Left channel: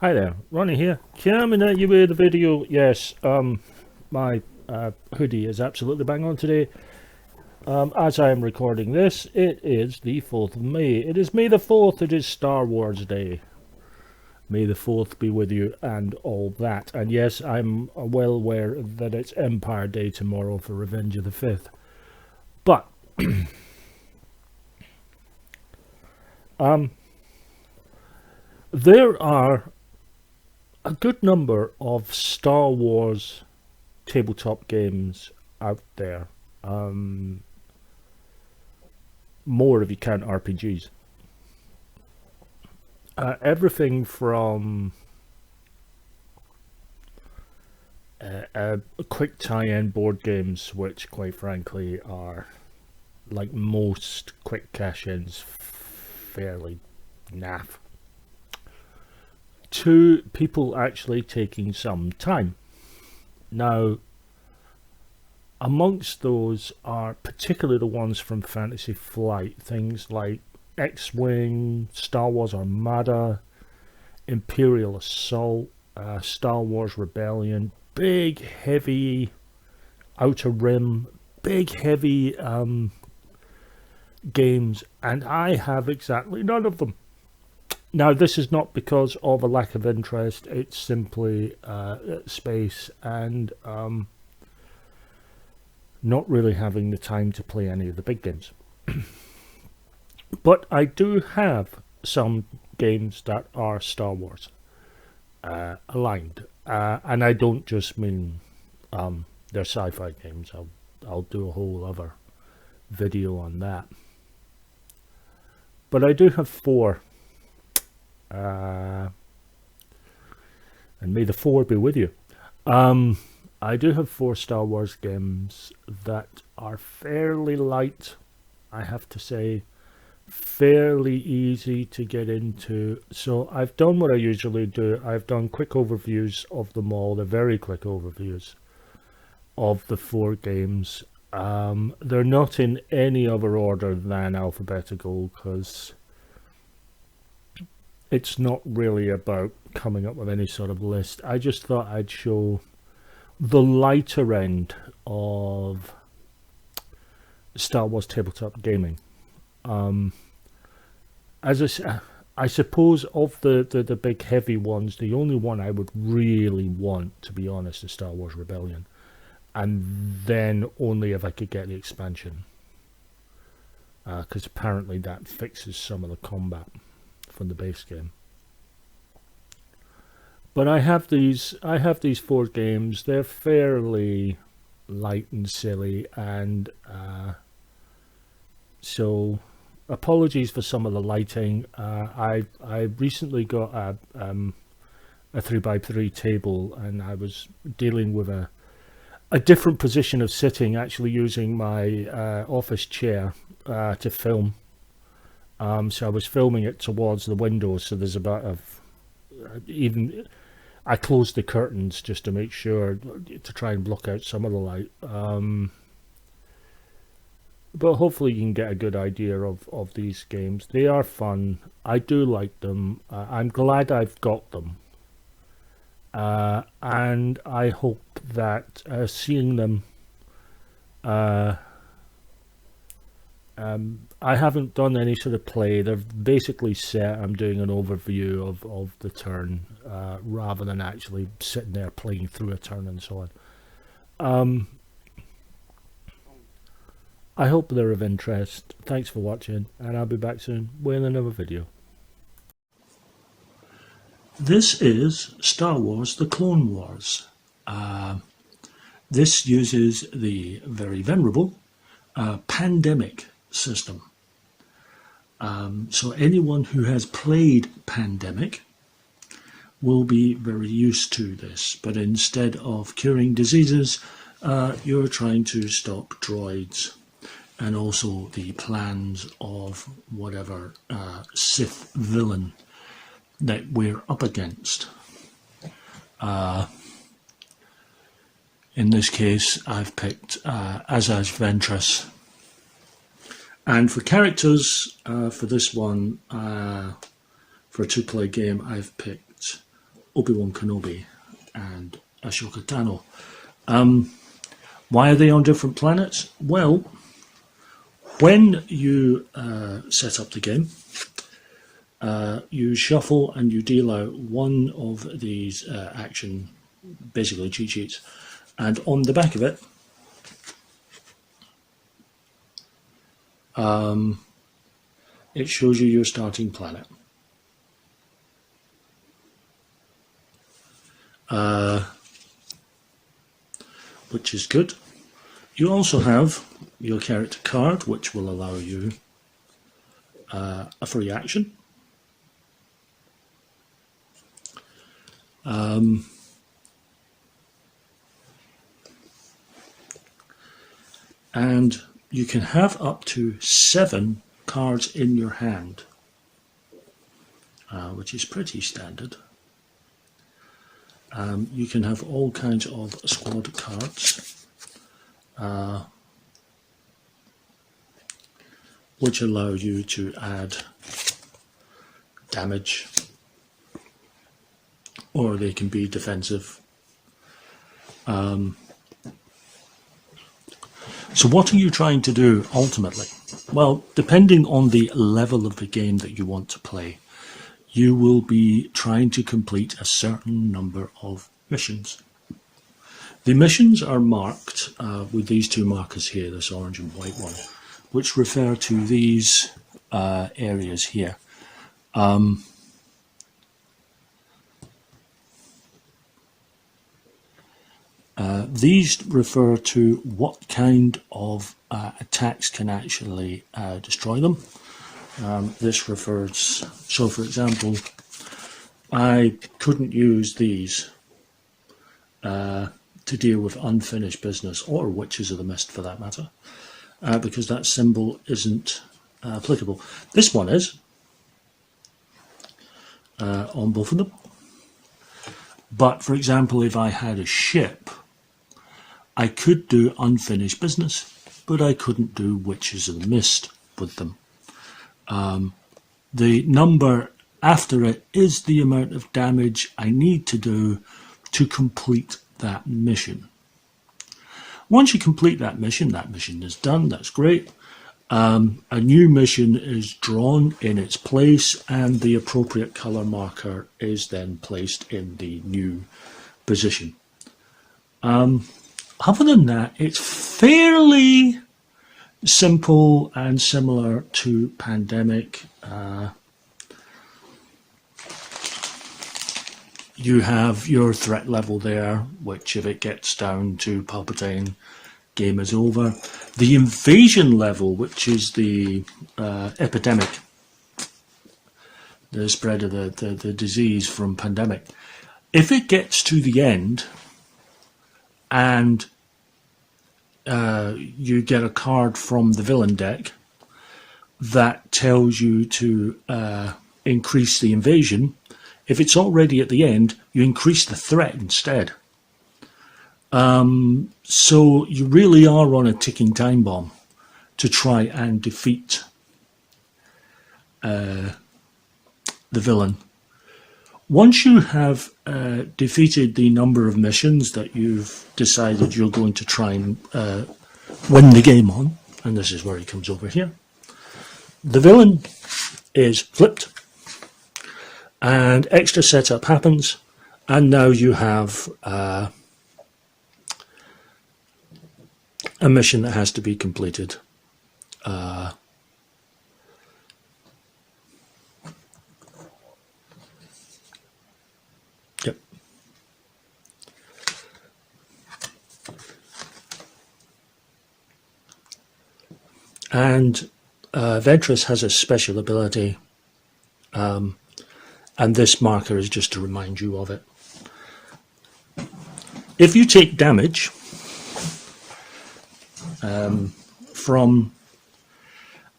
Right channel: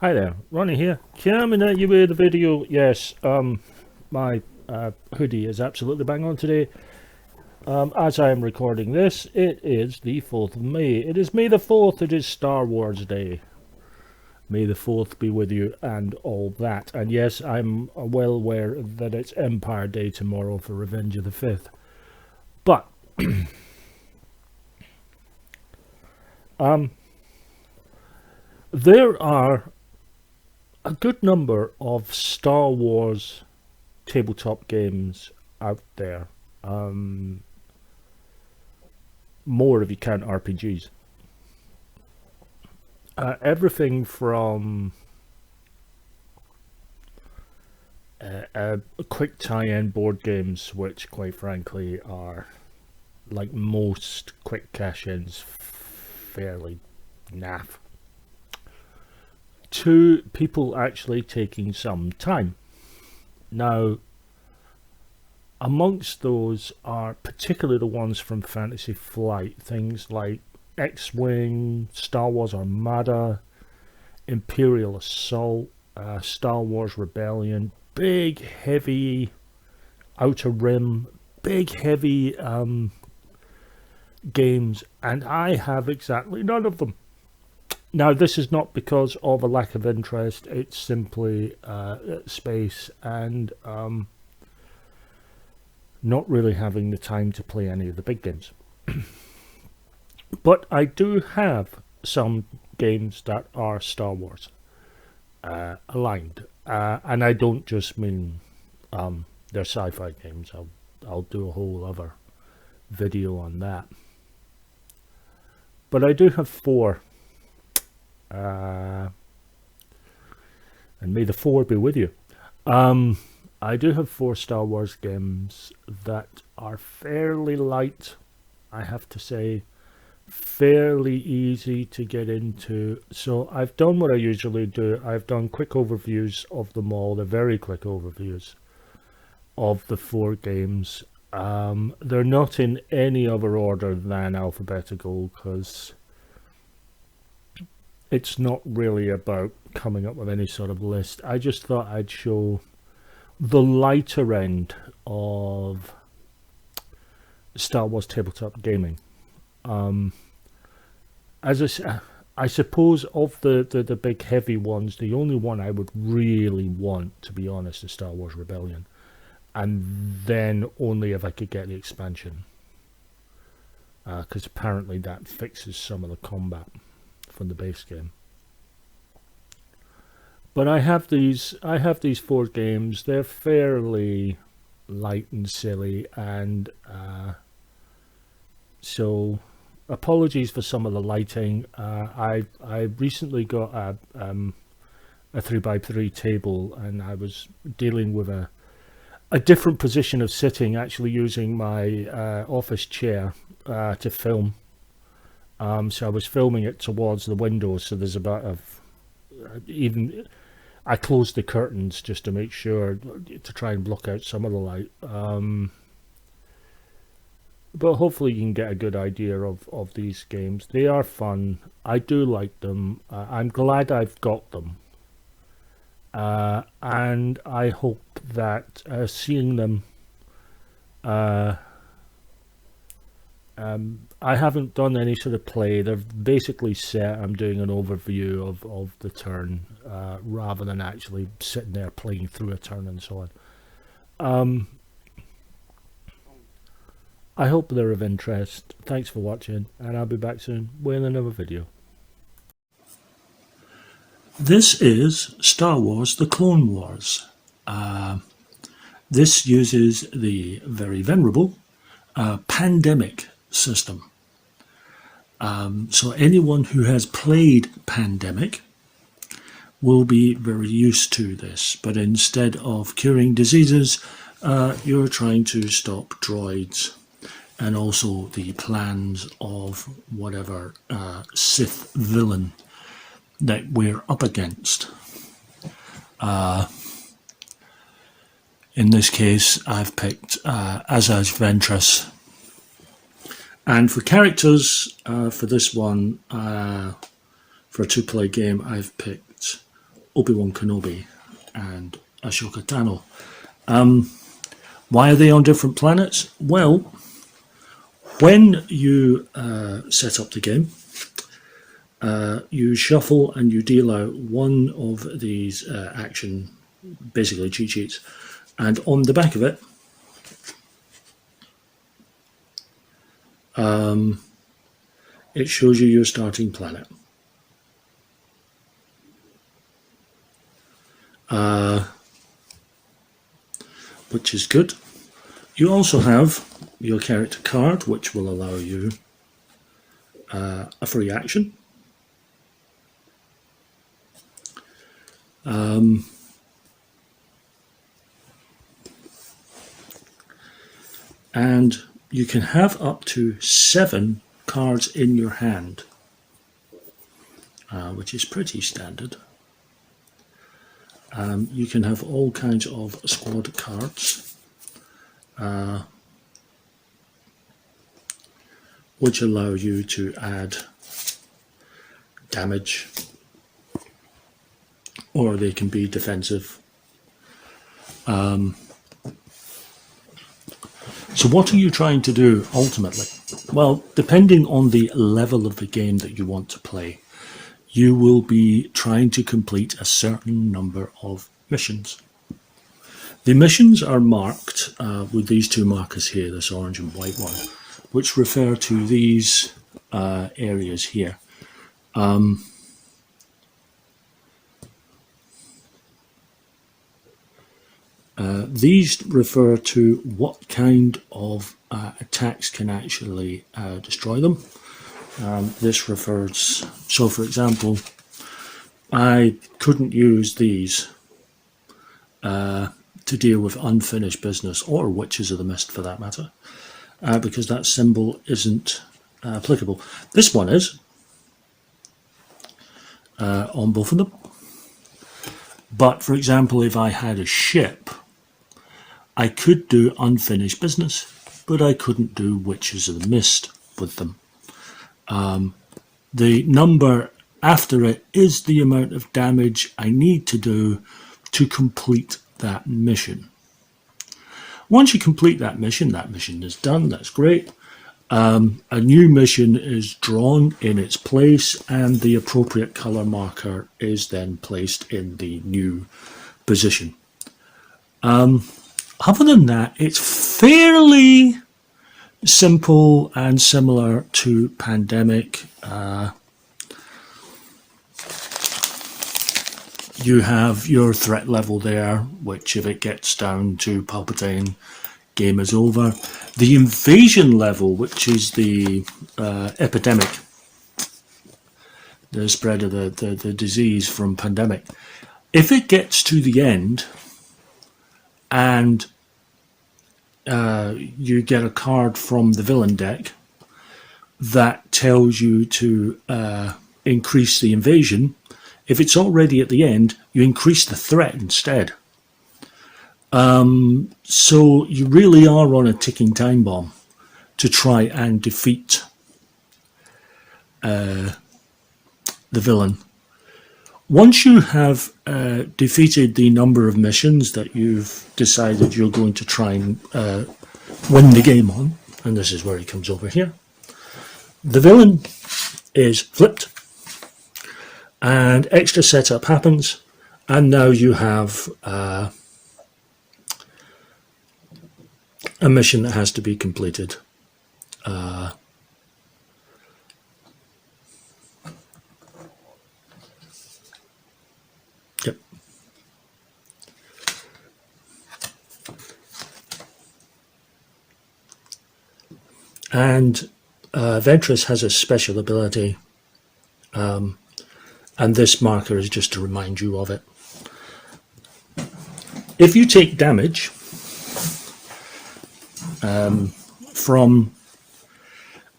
Hi there, Ronnie here. Coming at you with a video. Yes, my hoodie is absolutely bang on today. As I am recording this, it is the 4th of May. It is May the 4th, it is Star Wars Day. May the 4th be with you and all that. And yes, I'm well aware that it's Empire Day tomorrow for Revenge of the 5th. But, there are a good number of Star Wars tabletop games out there. More if you count RPGs. Everything from quick tie-in board games, which quite frankly are, like most quick cash-ins, fairly naff, to people actually taking some time. Now, amongst those are particularly the ones from Fantasy Flight, things like X-Wing, Star Wars Armada, Imperial Assault, Star Wars Rebellion, big heavy Outer Rim, big heavy games, and I have exactly none of them. Now, this is not because of a lack of interest, it's simply space and not really having the time to play any of the big games. But I do have some games that are Star Wars aligned, and I don't just mean they're sci-fi games. I'll do a whole other video on that. But I do have four, and may the four be with you. I do have four Star Wars games that are fairly light, I have to say, fairly easy to get into. So I've done what I usually do. I've done quick overviews of them all. They're very quick overviews of the four games. They're not in any other order than alphabetical because it's not really about coming up with any sort of list. I just thought I'd show the lighter end of Star Wars tabletop gaming. As I suppose of the big heavy ones, the only one I would really want, to be honest, is Star Wars Rebellion. And then only if I could get the expansion. Because apparently that fixes some of the combat from the base game. But I have these four games. They're fairly light and silly, and so apologies for some of the lighting. I recently got a 3x3 table, and I was dealing with a different position of sitting, actually using my office chair to film. So I was filming it towards the window, so there's about even I closed the curtains just to make sure to try and block out some of the light. But hopefully you can get a good idea of these games. They are fun. I do like them. I'm glad I've got them. And I hope that seeing them, I haven't done any sort of play. They're basically set. I'm doing an overview of the turn rather than actually sitting there playing through a turn and so on. I hope they're of interest. Thanks for watching, and I'll be back soon with another video. This is Star Wars: The Clone Wars. This uses the very venerable pandemic system. So anyone who has played Pandemic will be very used to this, but instead of curing diseases, you're trying to stop droids and also the plans of whatever Sith villain that we're up against. In this case, I've picked Azaz Ventress. And for characters, for this one, for a two-player game, I've picked Obi-Wan Kenobi and Ashoka Tano. Why are they on different planets? Well, when you set up the game, you shuffle and you deal out one of these action, basically cheat sheets, and on the back of it, it shows you your starting planet. Which is good. You also have your character card, which will allow you a free action. And you can have up to 7 cards in your hand, which is pretty standard. You can have all kinds of squad cards, which allow you to add damage, or they can be defensive. So what are you trying to do ultimately? Well, depending on the level of the game that you want to play, you will be trying to complete a certain number of missions. The missions are marked with these 2 markers here, this orange and white one, which refer to these areas here. These refer to what kind of attacks can actually destroy them. This refers, so for example, I couldn't use these to deal with unfinished business, or witches of the mist for that matter, because that symbol isn't applicable. This one is on both of them. But for example, if I had a ship, I could do unfinished business, but I couldn't do witches of the mist with them. The number after it is the amount of damage I need to do to complete that mission. Once you complete that mission is done, that's great. A new mission is drawn in its place, and the appropriate colour marker is then placed in the new position. Other than that, it's fairly simple and similar to Pandemic. You have your threat level there, which if it gets down to Palpatine, game is over. The invasion level, which is the epidemic, the spread of the disease from Pandemic, if it gets to the end and you get a card from the villain deck that tells you to increase the invasion, if it's already at the end, you increase the threat instead. So you really are on a ticking time bomb to try and defeat the villain. Once you have defeated the number of missions that you've decided you're going to try and win the game on, and this is where he comes over here, the villain is flipped and extra setup happens, and now you have a mission that has to be completed. Yep. And Ventress has a special ability, and this marker is just to remind you of it. If you take damage from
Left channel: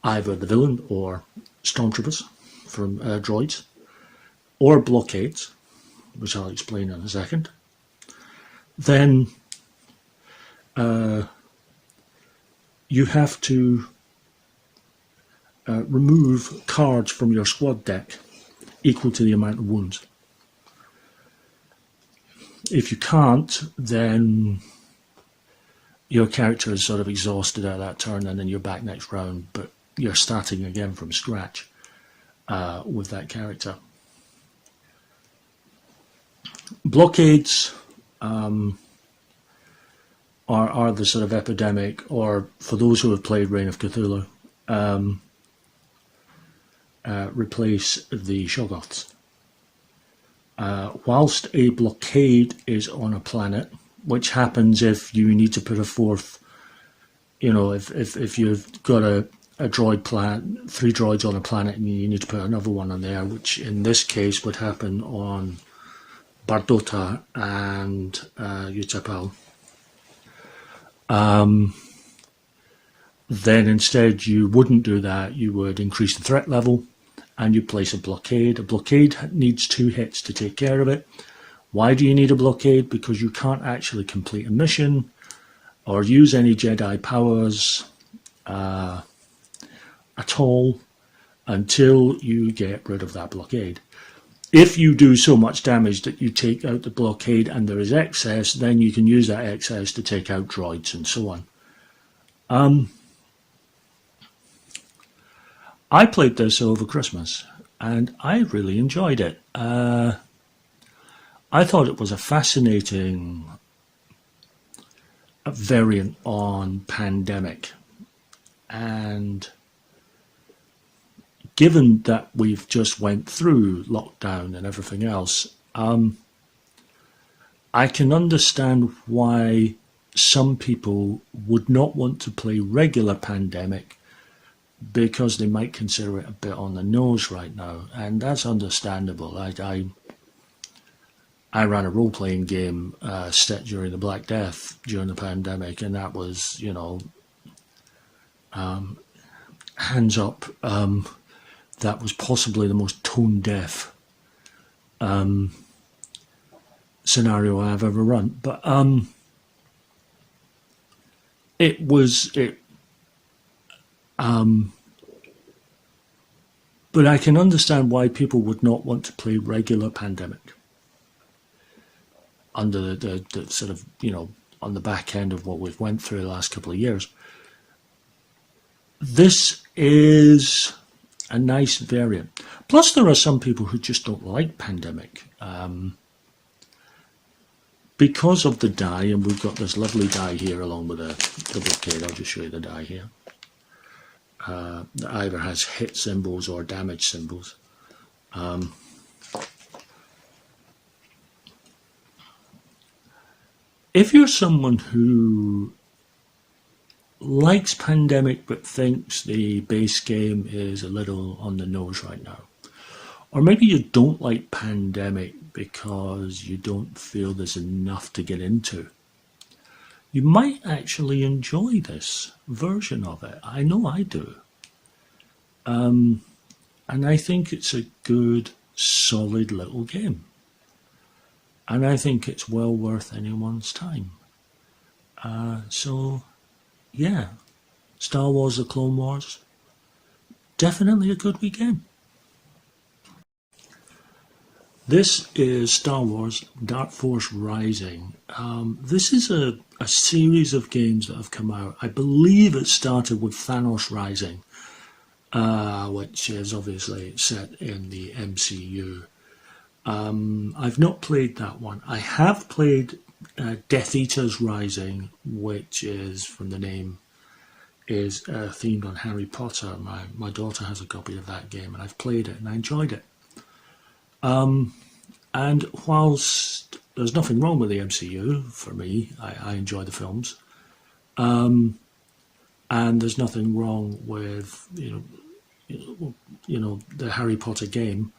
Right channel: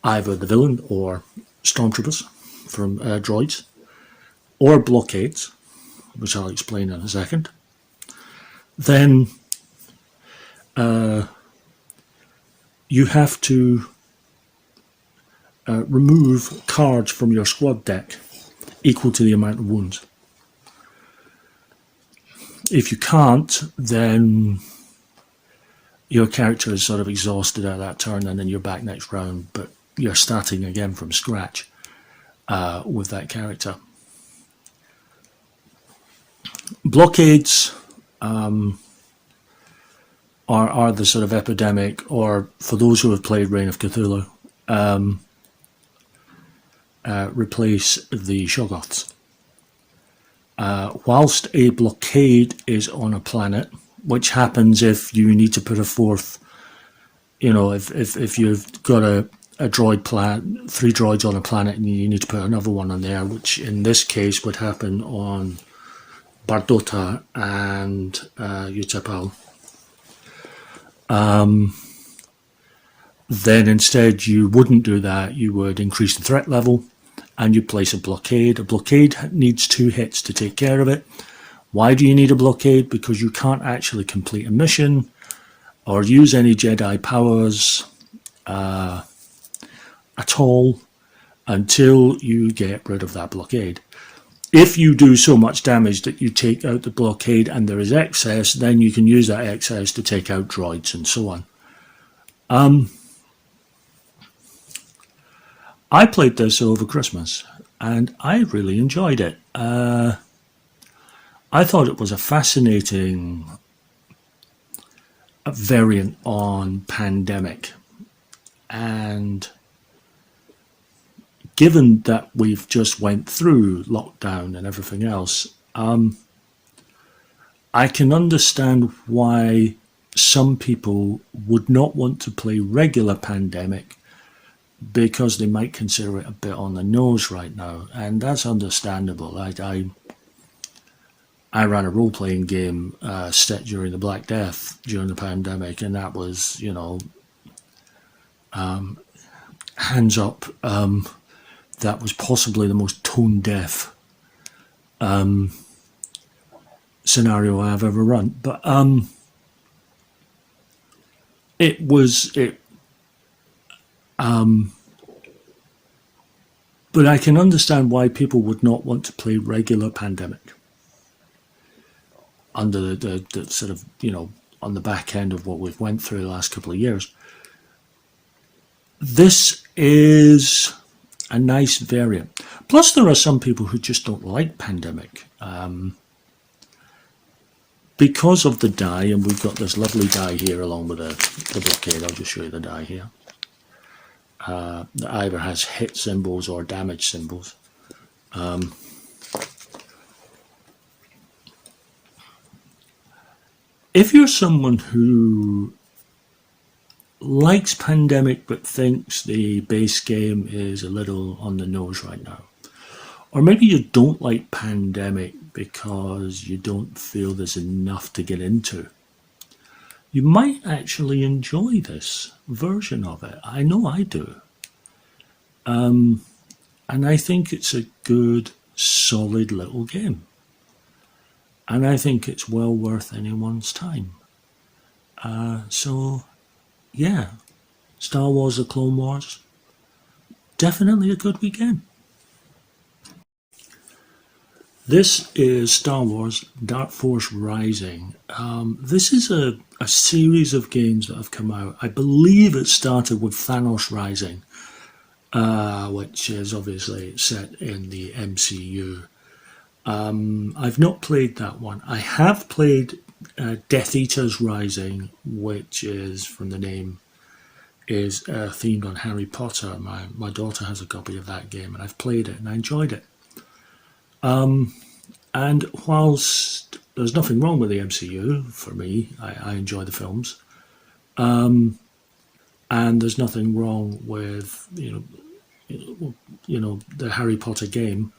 either the villain or stormtroopers, from droids, or blockades, which I'll explain in a second, then you have to remove cards from your squad deck equal to the amount of wounds. If you can't, then your character is sort of exhausted at that turn, and then you're back next round, but you're starting again from scratch with that character. Blockades are the sort of epidemic, or for those who have played Reign of Cthulhu, replace the Shoggoths. Whilst a blockade is on a planet, which happens if you need to put a fourth, if you've got a droid planet, 3 droids on a planet, and you need to put another one on there, which in this case would happen on Bardota and Utapau. Then instead you wouldn't do that. You would increase the threat level and you place a blockade. A blockade needs 2 hits to take care of it. Why do you need a blockade? Because you can't actually complete a mission or use any Jedi powers at all until you get rid of that blockade. If you do so much damage that you take out the blockade and there is excess, then you can use that excess to take out droids and so on. I played this over Christmas and I really enjoyed it. I thought it was a fascinating variant on Pandemic, and given that we've just went through lockdown and everything else, I can understand why some people would not want to play regular Pandemic, because they might consider it a bit on the nose right now, and that's understandable. I ran a role-playing game set during the Black Death during the pandemic, and that was, hands up, that was possibly the most tone-deaf scenario I've ever run. But but I can understand why people would not want to play regular Pandemic under the sort of, on the back end of what we've went through the last couple of years. This is a nice variant. Plus, there are some people who just don't like Pandemic. Because of the die, and we've got this lovely die here along with the blockade. I'll just show you the die here. That either has hit symbols or damage symbols. If you're someone who likes Pandemic but thinks the base game is a little on the nose right now, or maybe you don't like Pandemic because you don't feel there's enough to get into, you might actually enjoy this version of it. I know I do. And I think it's a good, solid little game. And I think it's well worth anyone's time. So, yeah, Star Wars The Clone Wars, definitely a good weekend. This is Star Wars Dark Force Rising. This is a series of games that have come out. I believe it started with Thanos Rising, which is obviously set in the MCU. I've not played that one. I have played Death Eaters Rising, which is, from the name, is themed on Harry Potter. My daughter has a copy of that game, and I've played it and I enjoyed it. And whilst there's nothing wrong with the MCU for me, I enjoy the films, and there's nothing wrong with the Harry Potter game.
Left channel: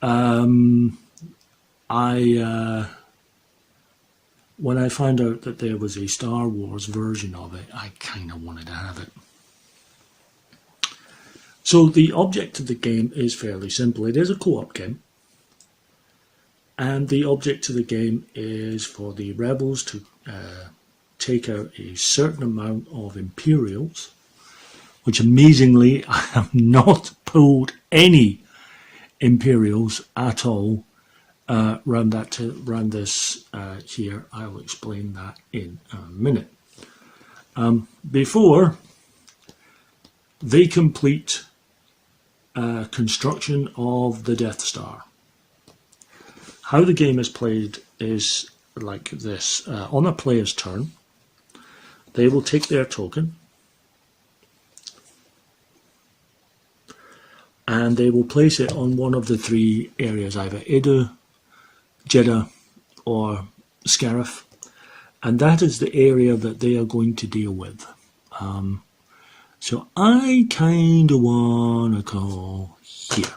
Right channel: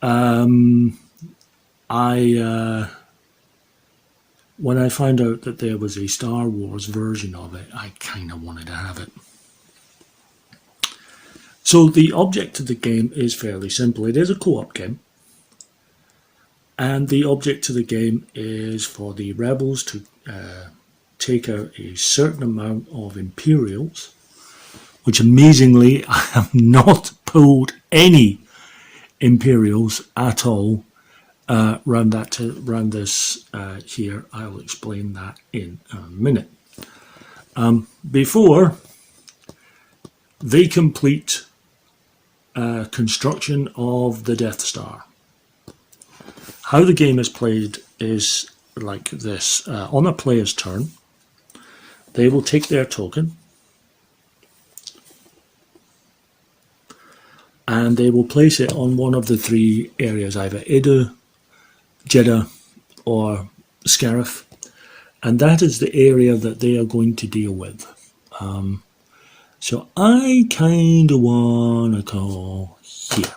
When I found out that there was a Star Wars version of it, I kind of wanted to have it. So the object of the game is fairly simple. It is a co-op game. And the object of the game is for the rebels to take out a certain amount of Imperials, which amazingly I have not pulled any Imperials at all round this here. I'll explain that in a minute. Before they complete construction of the Death Star, how the game is played is like this. On a player's turn, they will take their token and they will place it on one of the three areas, either Idu, Jeddah or Scarif, and that is the area that they are going to deal with. So I kind of want to call here.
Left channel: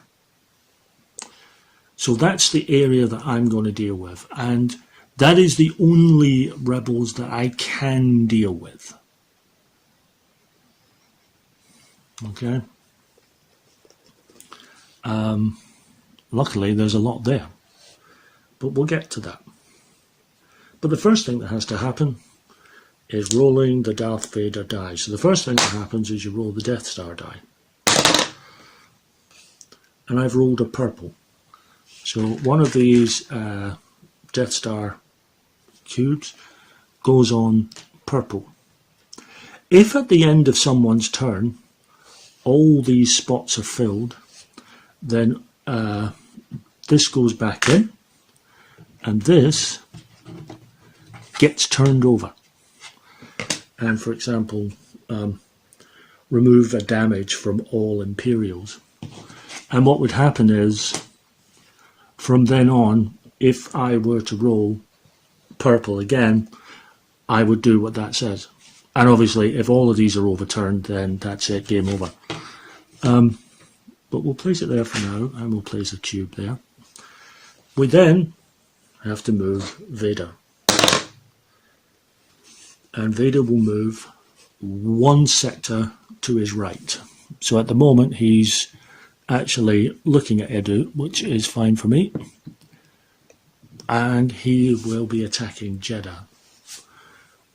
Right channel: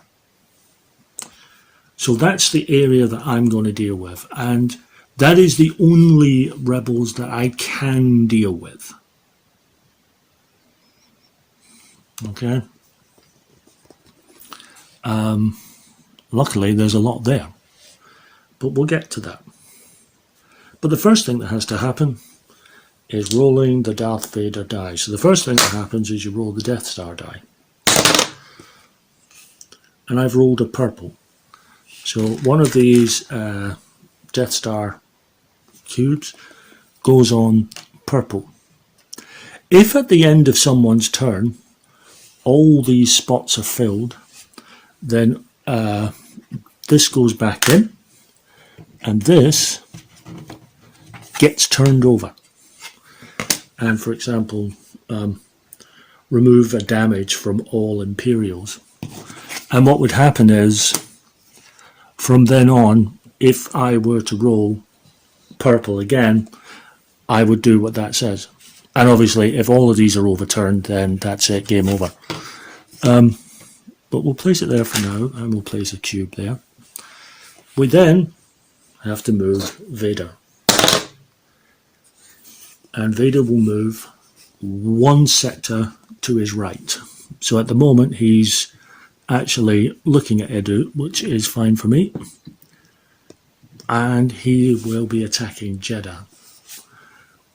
So that's the area that I'm going to deal with, and that is the only rebels that I can deal with. Okay. Luckily there's a lot there, but we'll get to that. But the first thing that has to happen is rolling the Darth Vader die. So the first thing that happens is you roll the Death Star die. And I've rolled a purple. So one of these Death Star cubes goes on purple. If at the end of someone's turn all these spots are filled, then this goes back in and this gets turned over. And for example, remove a damage from all Imperials. And what would happen is, from then on, if I were to roll purple again, I would do what that says. And obviously, if all of these are overturned, then that's it, game over. But we'll place it there for now, and we'll place a cube there. We then have to move Vader. And Vader will move one sector to his right. So at the moment he's actually looking at Edu, which is fine for me. And he will be attacking Jeddah.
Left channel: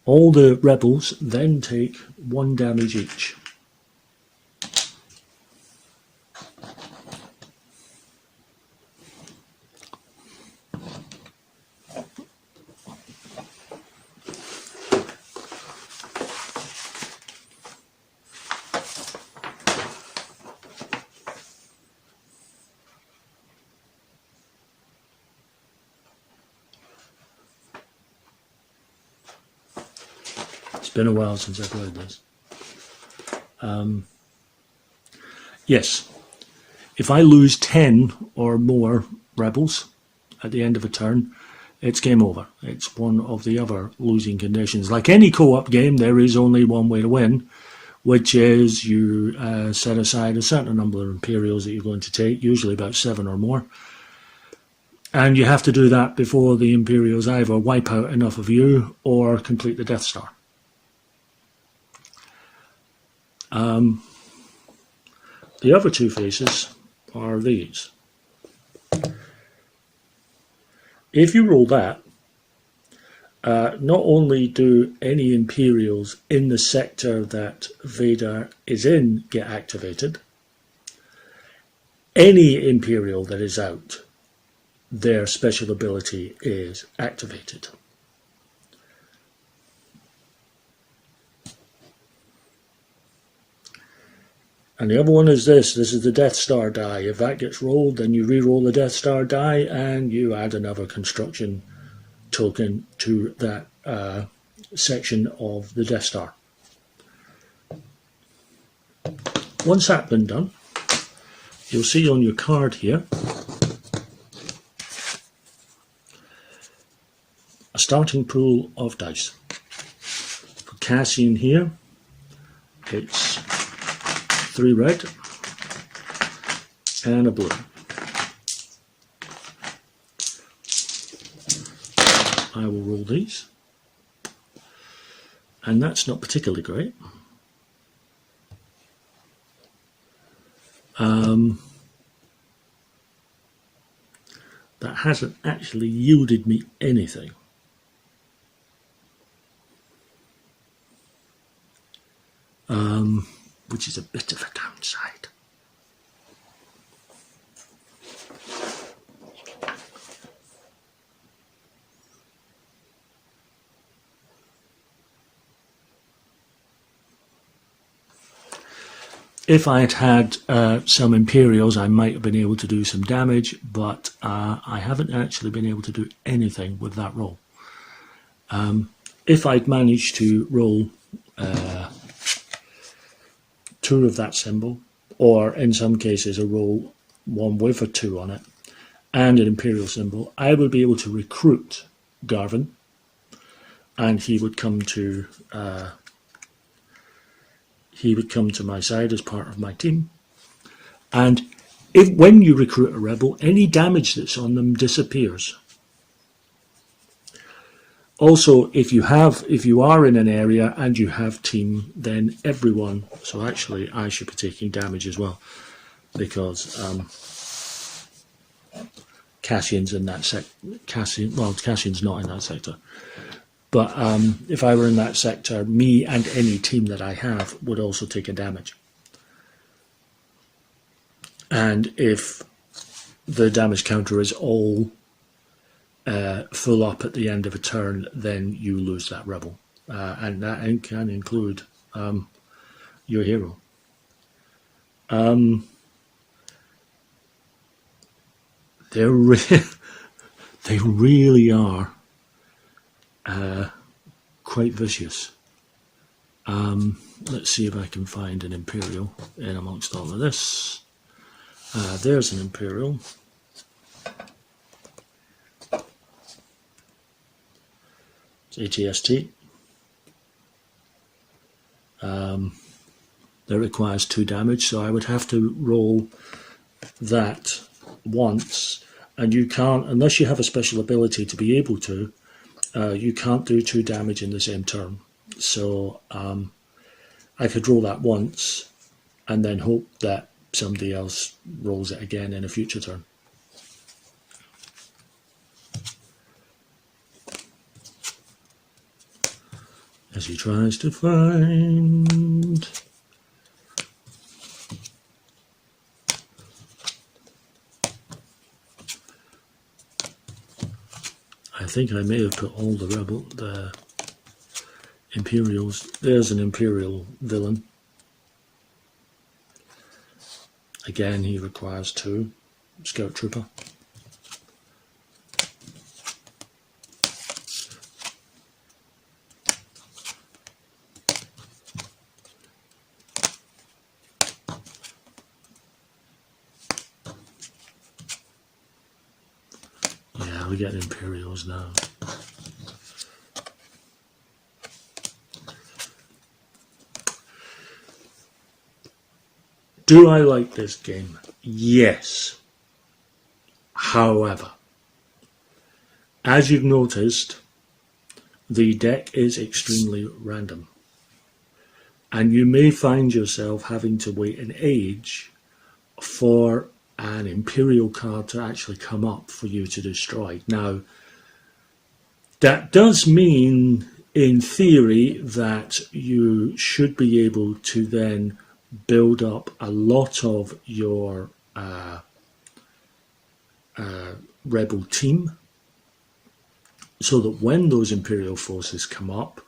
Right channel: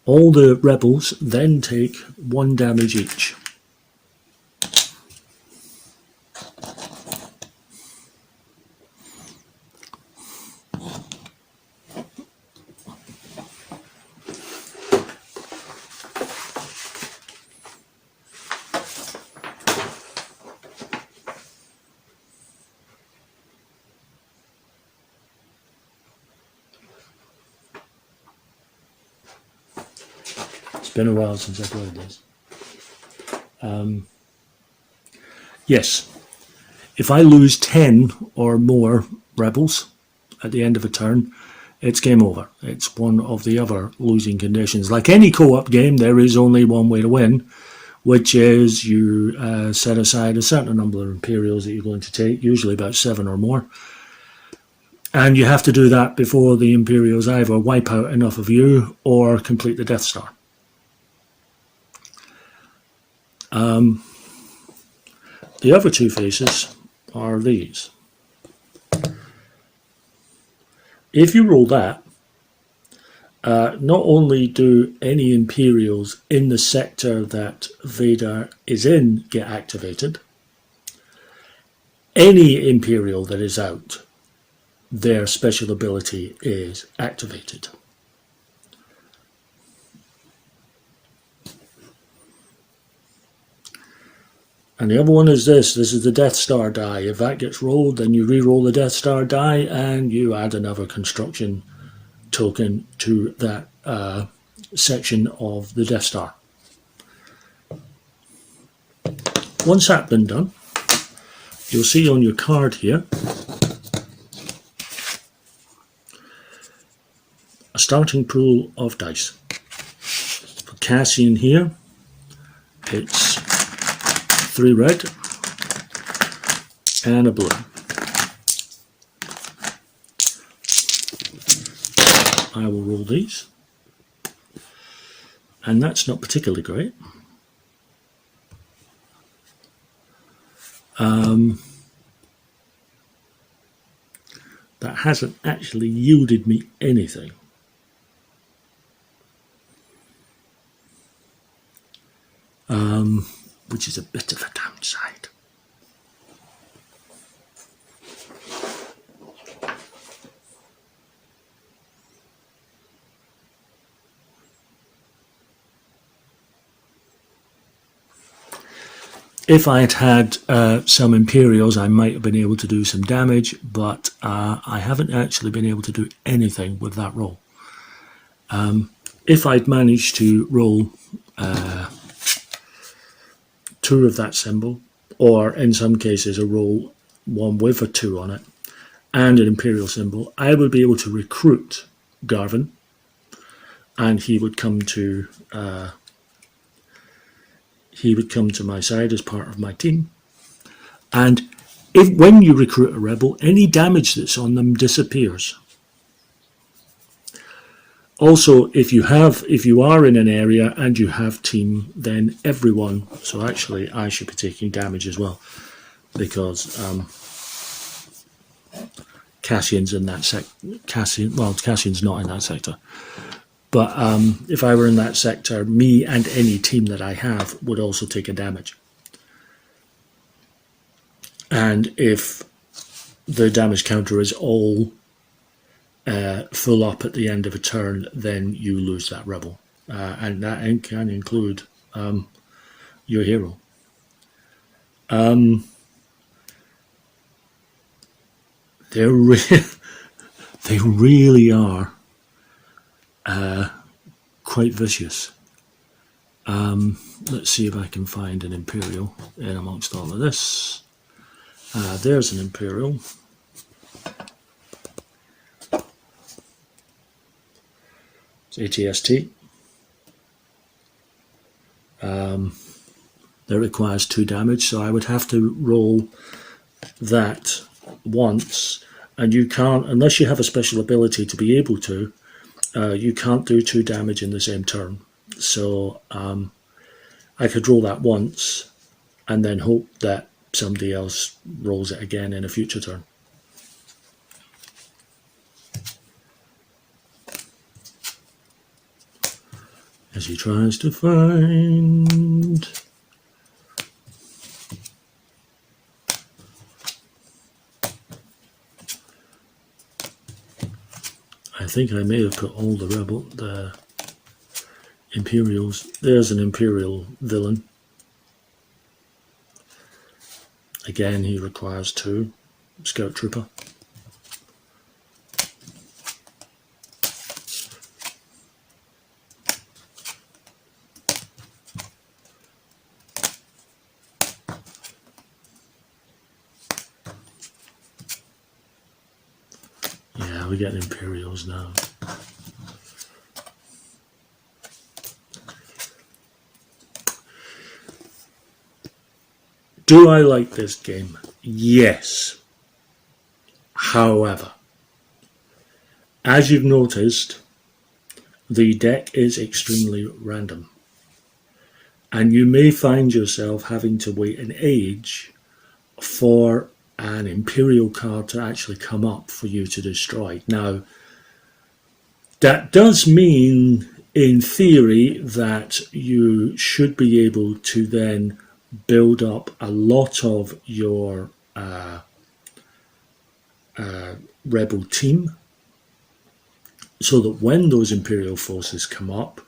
All the rebels then take 1 damage each. It's been a while since I've played this. Yes, if I lose 10 or more rebels at the end of a turn, it's game over. It's one of the other losing conditions. Like any co-op game, there is only one way to win, which is you set aside a certain number of Imperials that you're going to take, usually about 7 or more. And you have to do that before the Imperials either wipe out enough of you or complete the Death Star. The other two phases are these. If you roll that, not only do any Imperials in the sector that Vader is in get activated, any Imperial that is out, their special ability is activated. And the other one is this is the Death Star die. If that gets rolled, then you re-roll the Death Star die and you add another construction token to that section of the Death Star. Once that's been done, you'll see on your card here a starting pool of dice. For Cassian here, it's 3 red and a blue. I will roll these, and that's not particularly great. That hasn't actually yielded me anything. Which is a bit of a downside. If I'd had some Imperials, I might have been able to do some damage, but I haven't actually been able to do anything with that roll. If I'd managed to roll 2 of that symbol, or in some cases a roll 1 with a 2 on it, and an Imperial symbol, I would be able to recruit Garvin, and he would come to my side as part of my team. And when you recruit a rebel, any damage that's on them disappears. Also, if you are in an area and you have team, then everyone. So actually, I should be taking damage as well, because Cassian's in that Cassian's not in that sector. But if I were in that sector, me and any team that I have would also take a damage. And if the damage counter is all full up at the end of a turn, then you lose that rebel. And that can include your hero. They really are quite vicious. Let's see if I can find an Imperial in amongst all of this. There's an Imperial. It's ATST. That requires 2 damage, so I would have to roll that once, and you can't, unless you have a special ability to be able to, you can't do 2 damage in the same turn. So I could roll that once and then hope that somebody else rolls it again in a future turn. As he tries to find... I think I may have put all the Imperials. There's an Imperial villain. Again, he requires 2. Scout Trooper. Yeah, we're getting Imperials now. Do I like this game? Yes. However, as you've noticed, the deck is extremely random. And you may find yourself having to wait an age for an Imperial card to actually come up for you to destroy. Now, that does mean, in theory, that you should be able to then build up a lot of your rebel team, so that when those Imperial forces come up,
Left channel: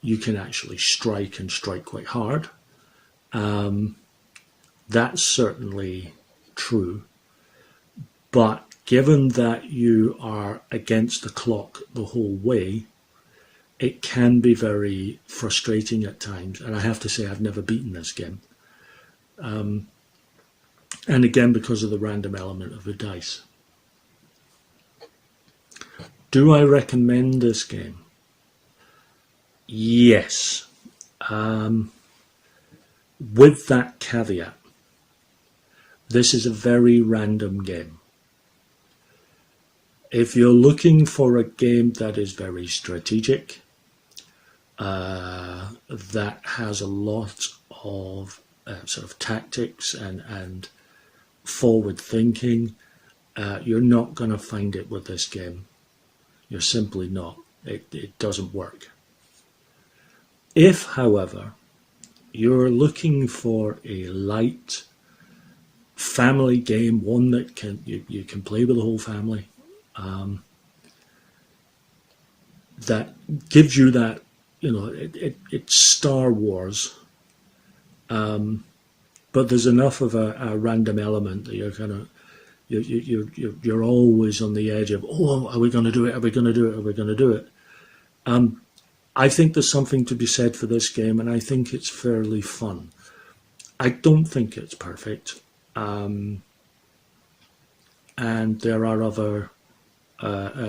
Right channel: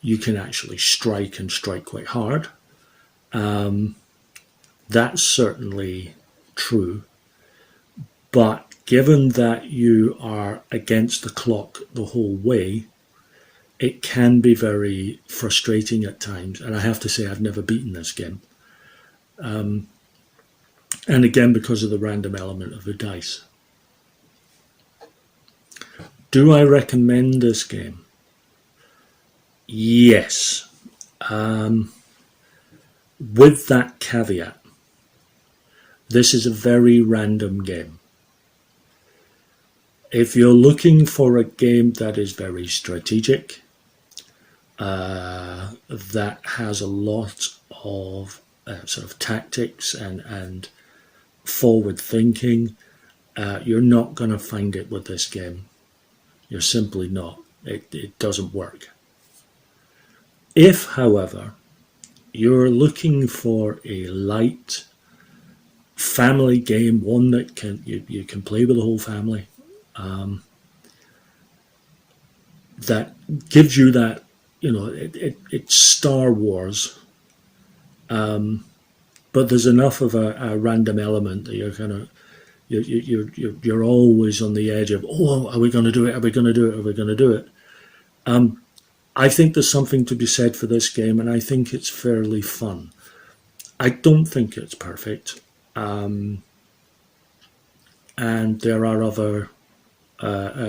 you can actually strike and strike quite hard. That's certainly true, but given that you are against the clock the whole way, it can be very frustrating at times, and I have to say I've never beaten this game. And again, because of the random element of the dice. Do I recommend this game? Yes. With that caveat, this is a very random game. If you're looking for a game that is very strategic, that has a lot of sort of tactics and forward thinking, you're not going to find it with this game. You're simply not. It doesn't work. If, however, you're looking for a light family game, one that you can play with the whole family, that gives you that, it's Star Wars, but there's enough of a random element that you're kind of you're always on the edge of, oh, are we going to do it? Are we going to do it? Are we going to do it? I think there's something to be said for this game, and I think it's fairly fun. I don't think it's perfect, and there are other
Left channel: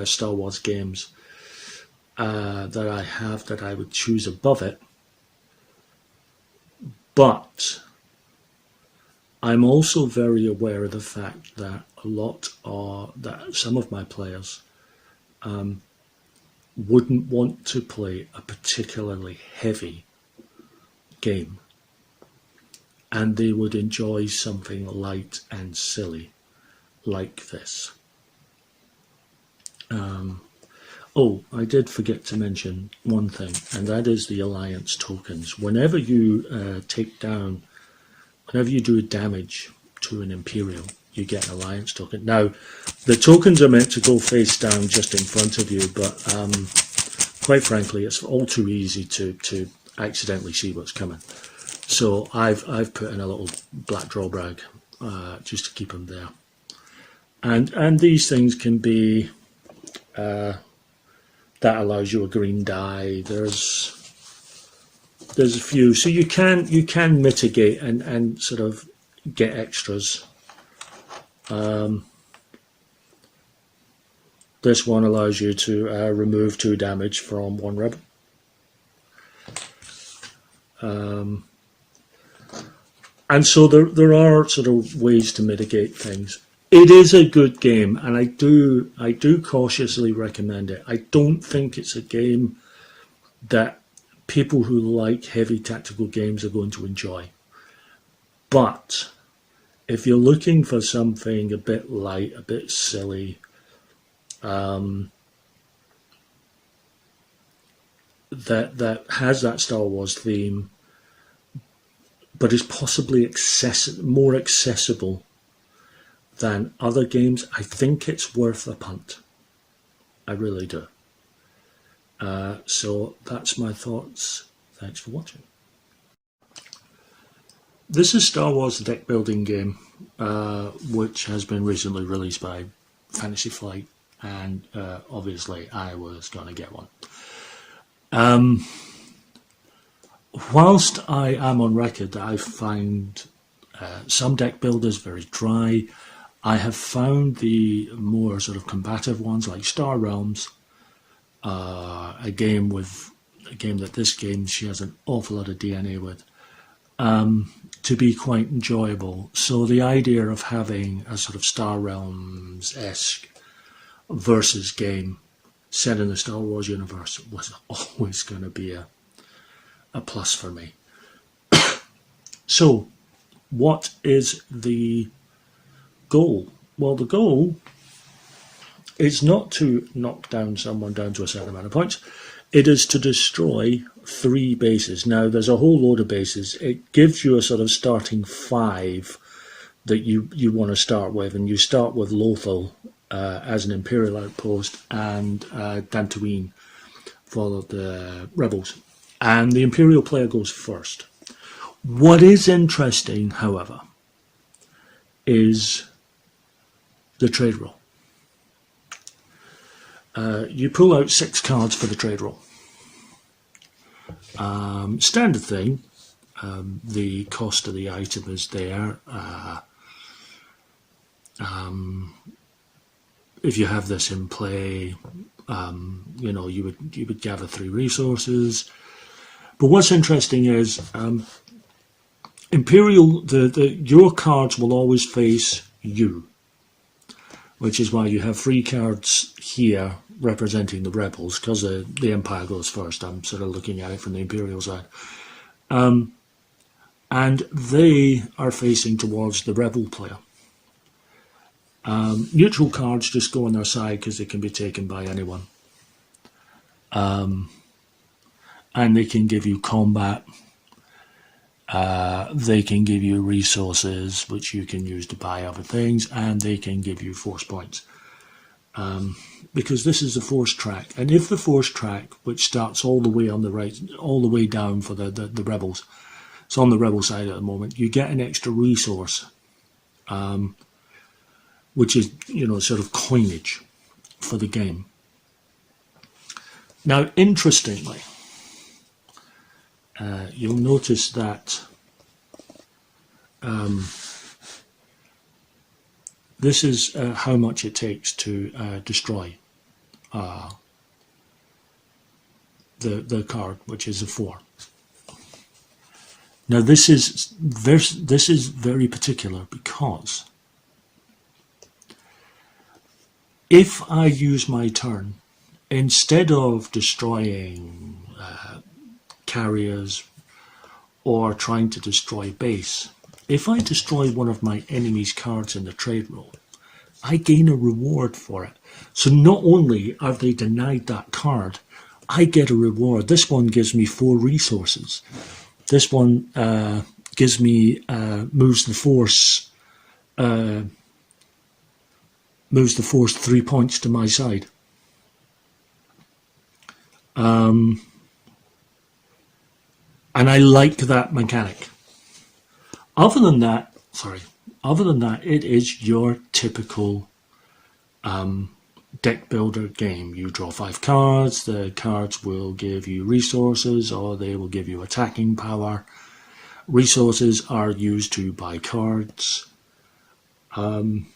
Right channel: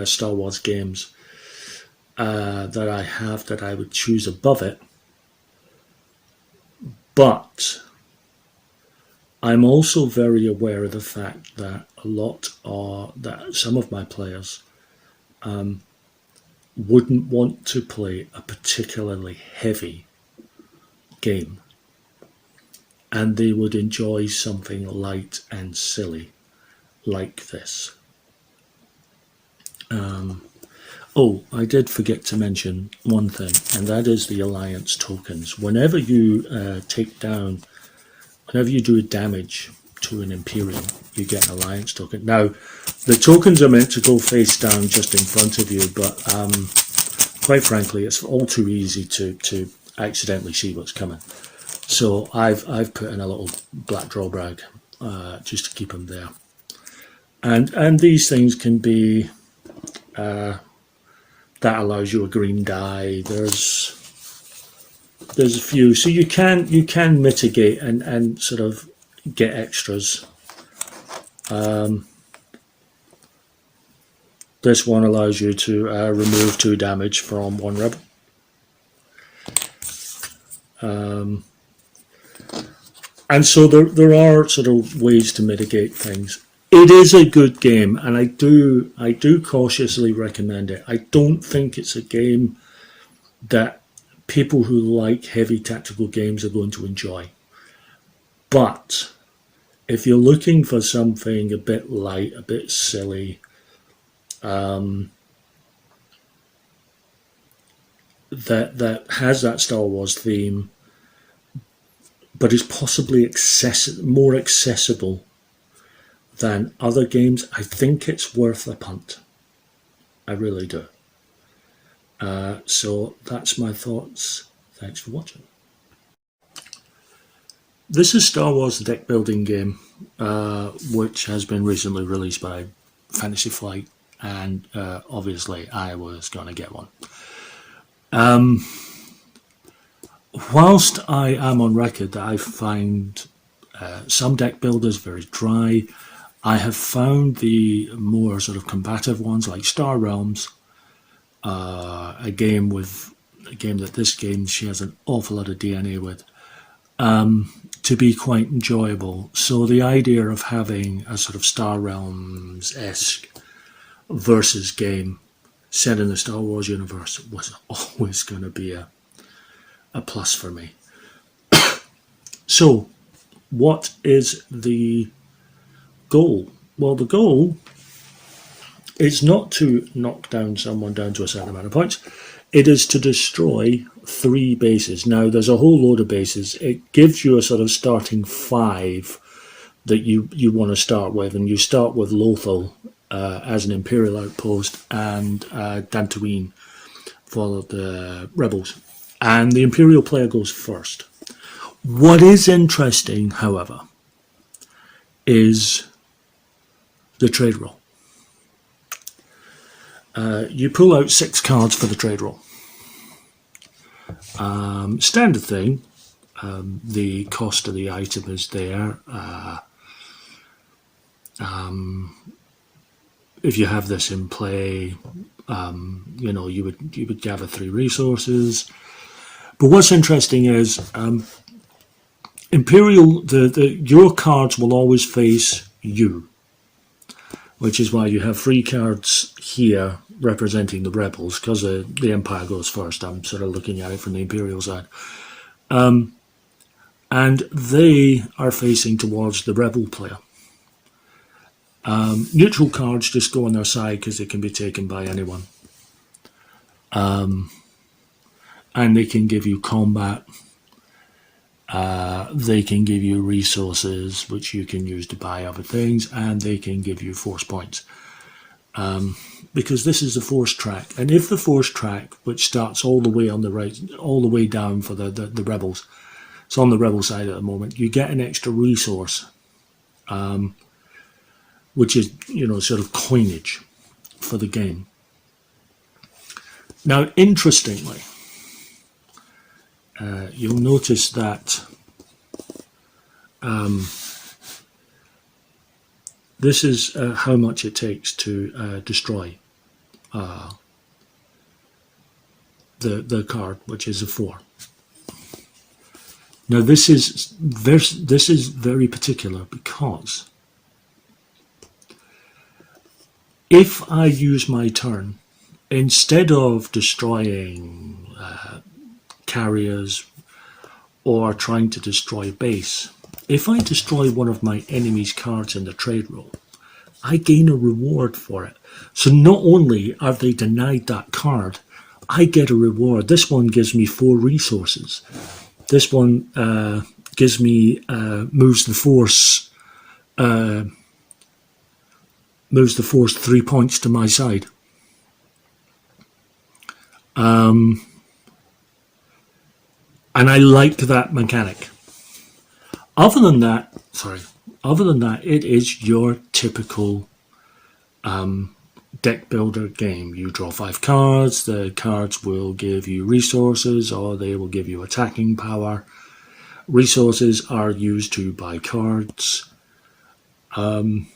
Star Wars games that I have that I would choose above it, but I'm also very aware of the fact that that some of my players wouldn't want to play a particularly heavy game, and they would enjoy something light and silly like this. Oh, I did forget to mention one thing, and that is the alliance tokens. Whenever you whenever you do damage to an Imperial, you get an alliance token. Now, the tokens are meant to go face down just in front of you, but quite frankly, it's all too easy to accidentally see what's coming. So I've put in a little black drawbag just to keep them there. And these things can be that allows you a green die. There's a few, so you can mitigate and sort of get extras. This one allows you to remove 2 damage from 1 rebel. And so there are sort of ways to mitigate things. It is a good game, and I do cautiously recommend it. I don't think it's a game that people who like heavy tactical games are going to enjoy. But if you're looking for something a bit light, a bit silly, that has that Star Wars theme, but is possibly more accessible than other games, I think it's worth a punt. I really do. So that's my thoughts. Thanks for watching. This is Star Wars deck building game, which has been recently released by Fantasy Flight, and obviously I was going to get one. Whilst I am on record that I find some deck builders very dry, I have found the more sort of combative ones like Star Realms, a game that this game shares an awful lot of DNA with, to be quite enjoyable. So the idea of having a sort of Star Realms-esque versus game set in the Star Wars universe was always going to be a plus for me. So, what is the goal? Well, the goal is not to knock down someone down to a certain amount of points. It is to destroy 3 bases. Now, there's a whole load of bases. It gives you a sort of starting 5 that you want to start with, and you start with Lothal as an Imperial outpost, and Dantooine for the Rebels. And the Imperial player goes first. What is interesting, however, is the trade roll. You pull out 6 cards for the trade roll. Standard thing, the cost of the item is there. If you have this in play, you would gather 3 resources. But what's interesting is Imperial, your cards will always face you, which is why you have 3 cards here representing the Rebels, because the Empire goes first. I'm sort of looking at it from the Imperial side. And they are facing towards the Rebel player. Neutral cards just go on their side because they can be taken by anyone. And they can give you combat. They can give you resources, which you can use to buy other things, and they can give you force points. Because this is the force track, and if the force track, which starts all the way on the right, all the way down for the Rebels, It's on the Rebel side at the moment. You get an extra resource, which is, sort of coinage for the game. Now, interestingly, you'll notice that this is how much it takes to destroy the card, which is a 4. Now this is very particular, because if I use my turn, instead of destroying carriers or trying to destroy base, if I destroy one of my enemy's cards in the trade roll, I gain a reward for it. So not only are they denied that card, I get a reward. This one gives me 4 resources. This one gives me moves the force 3 points to my side. And I like that mechanic. Other than that, it is your typical deck builder game. You draw 5 cards, the cards will give you resources, or they will give you attacking power. Resources are used to buy cards. And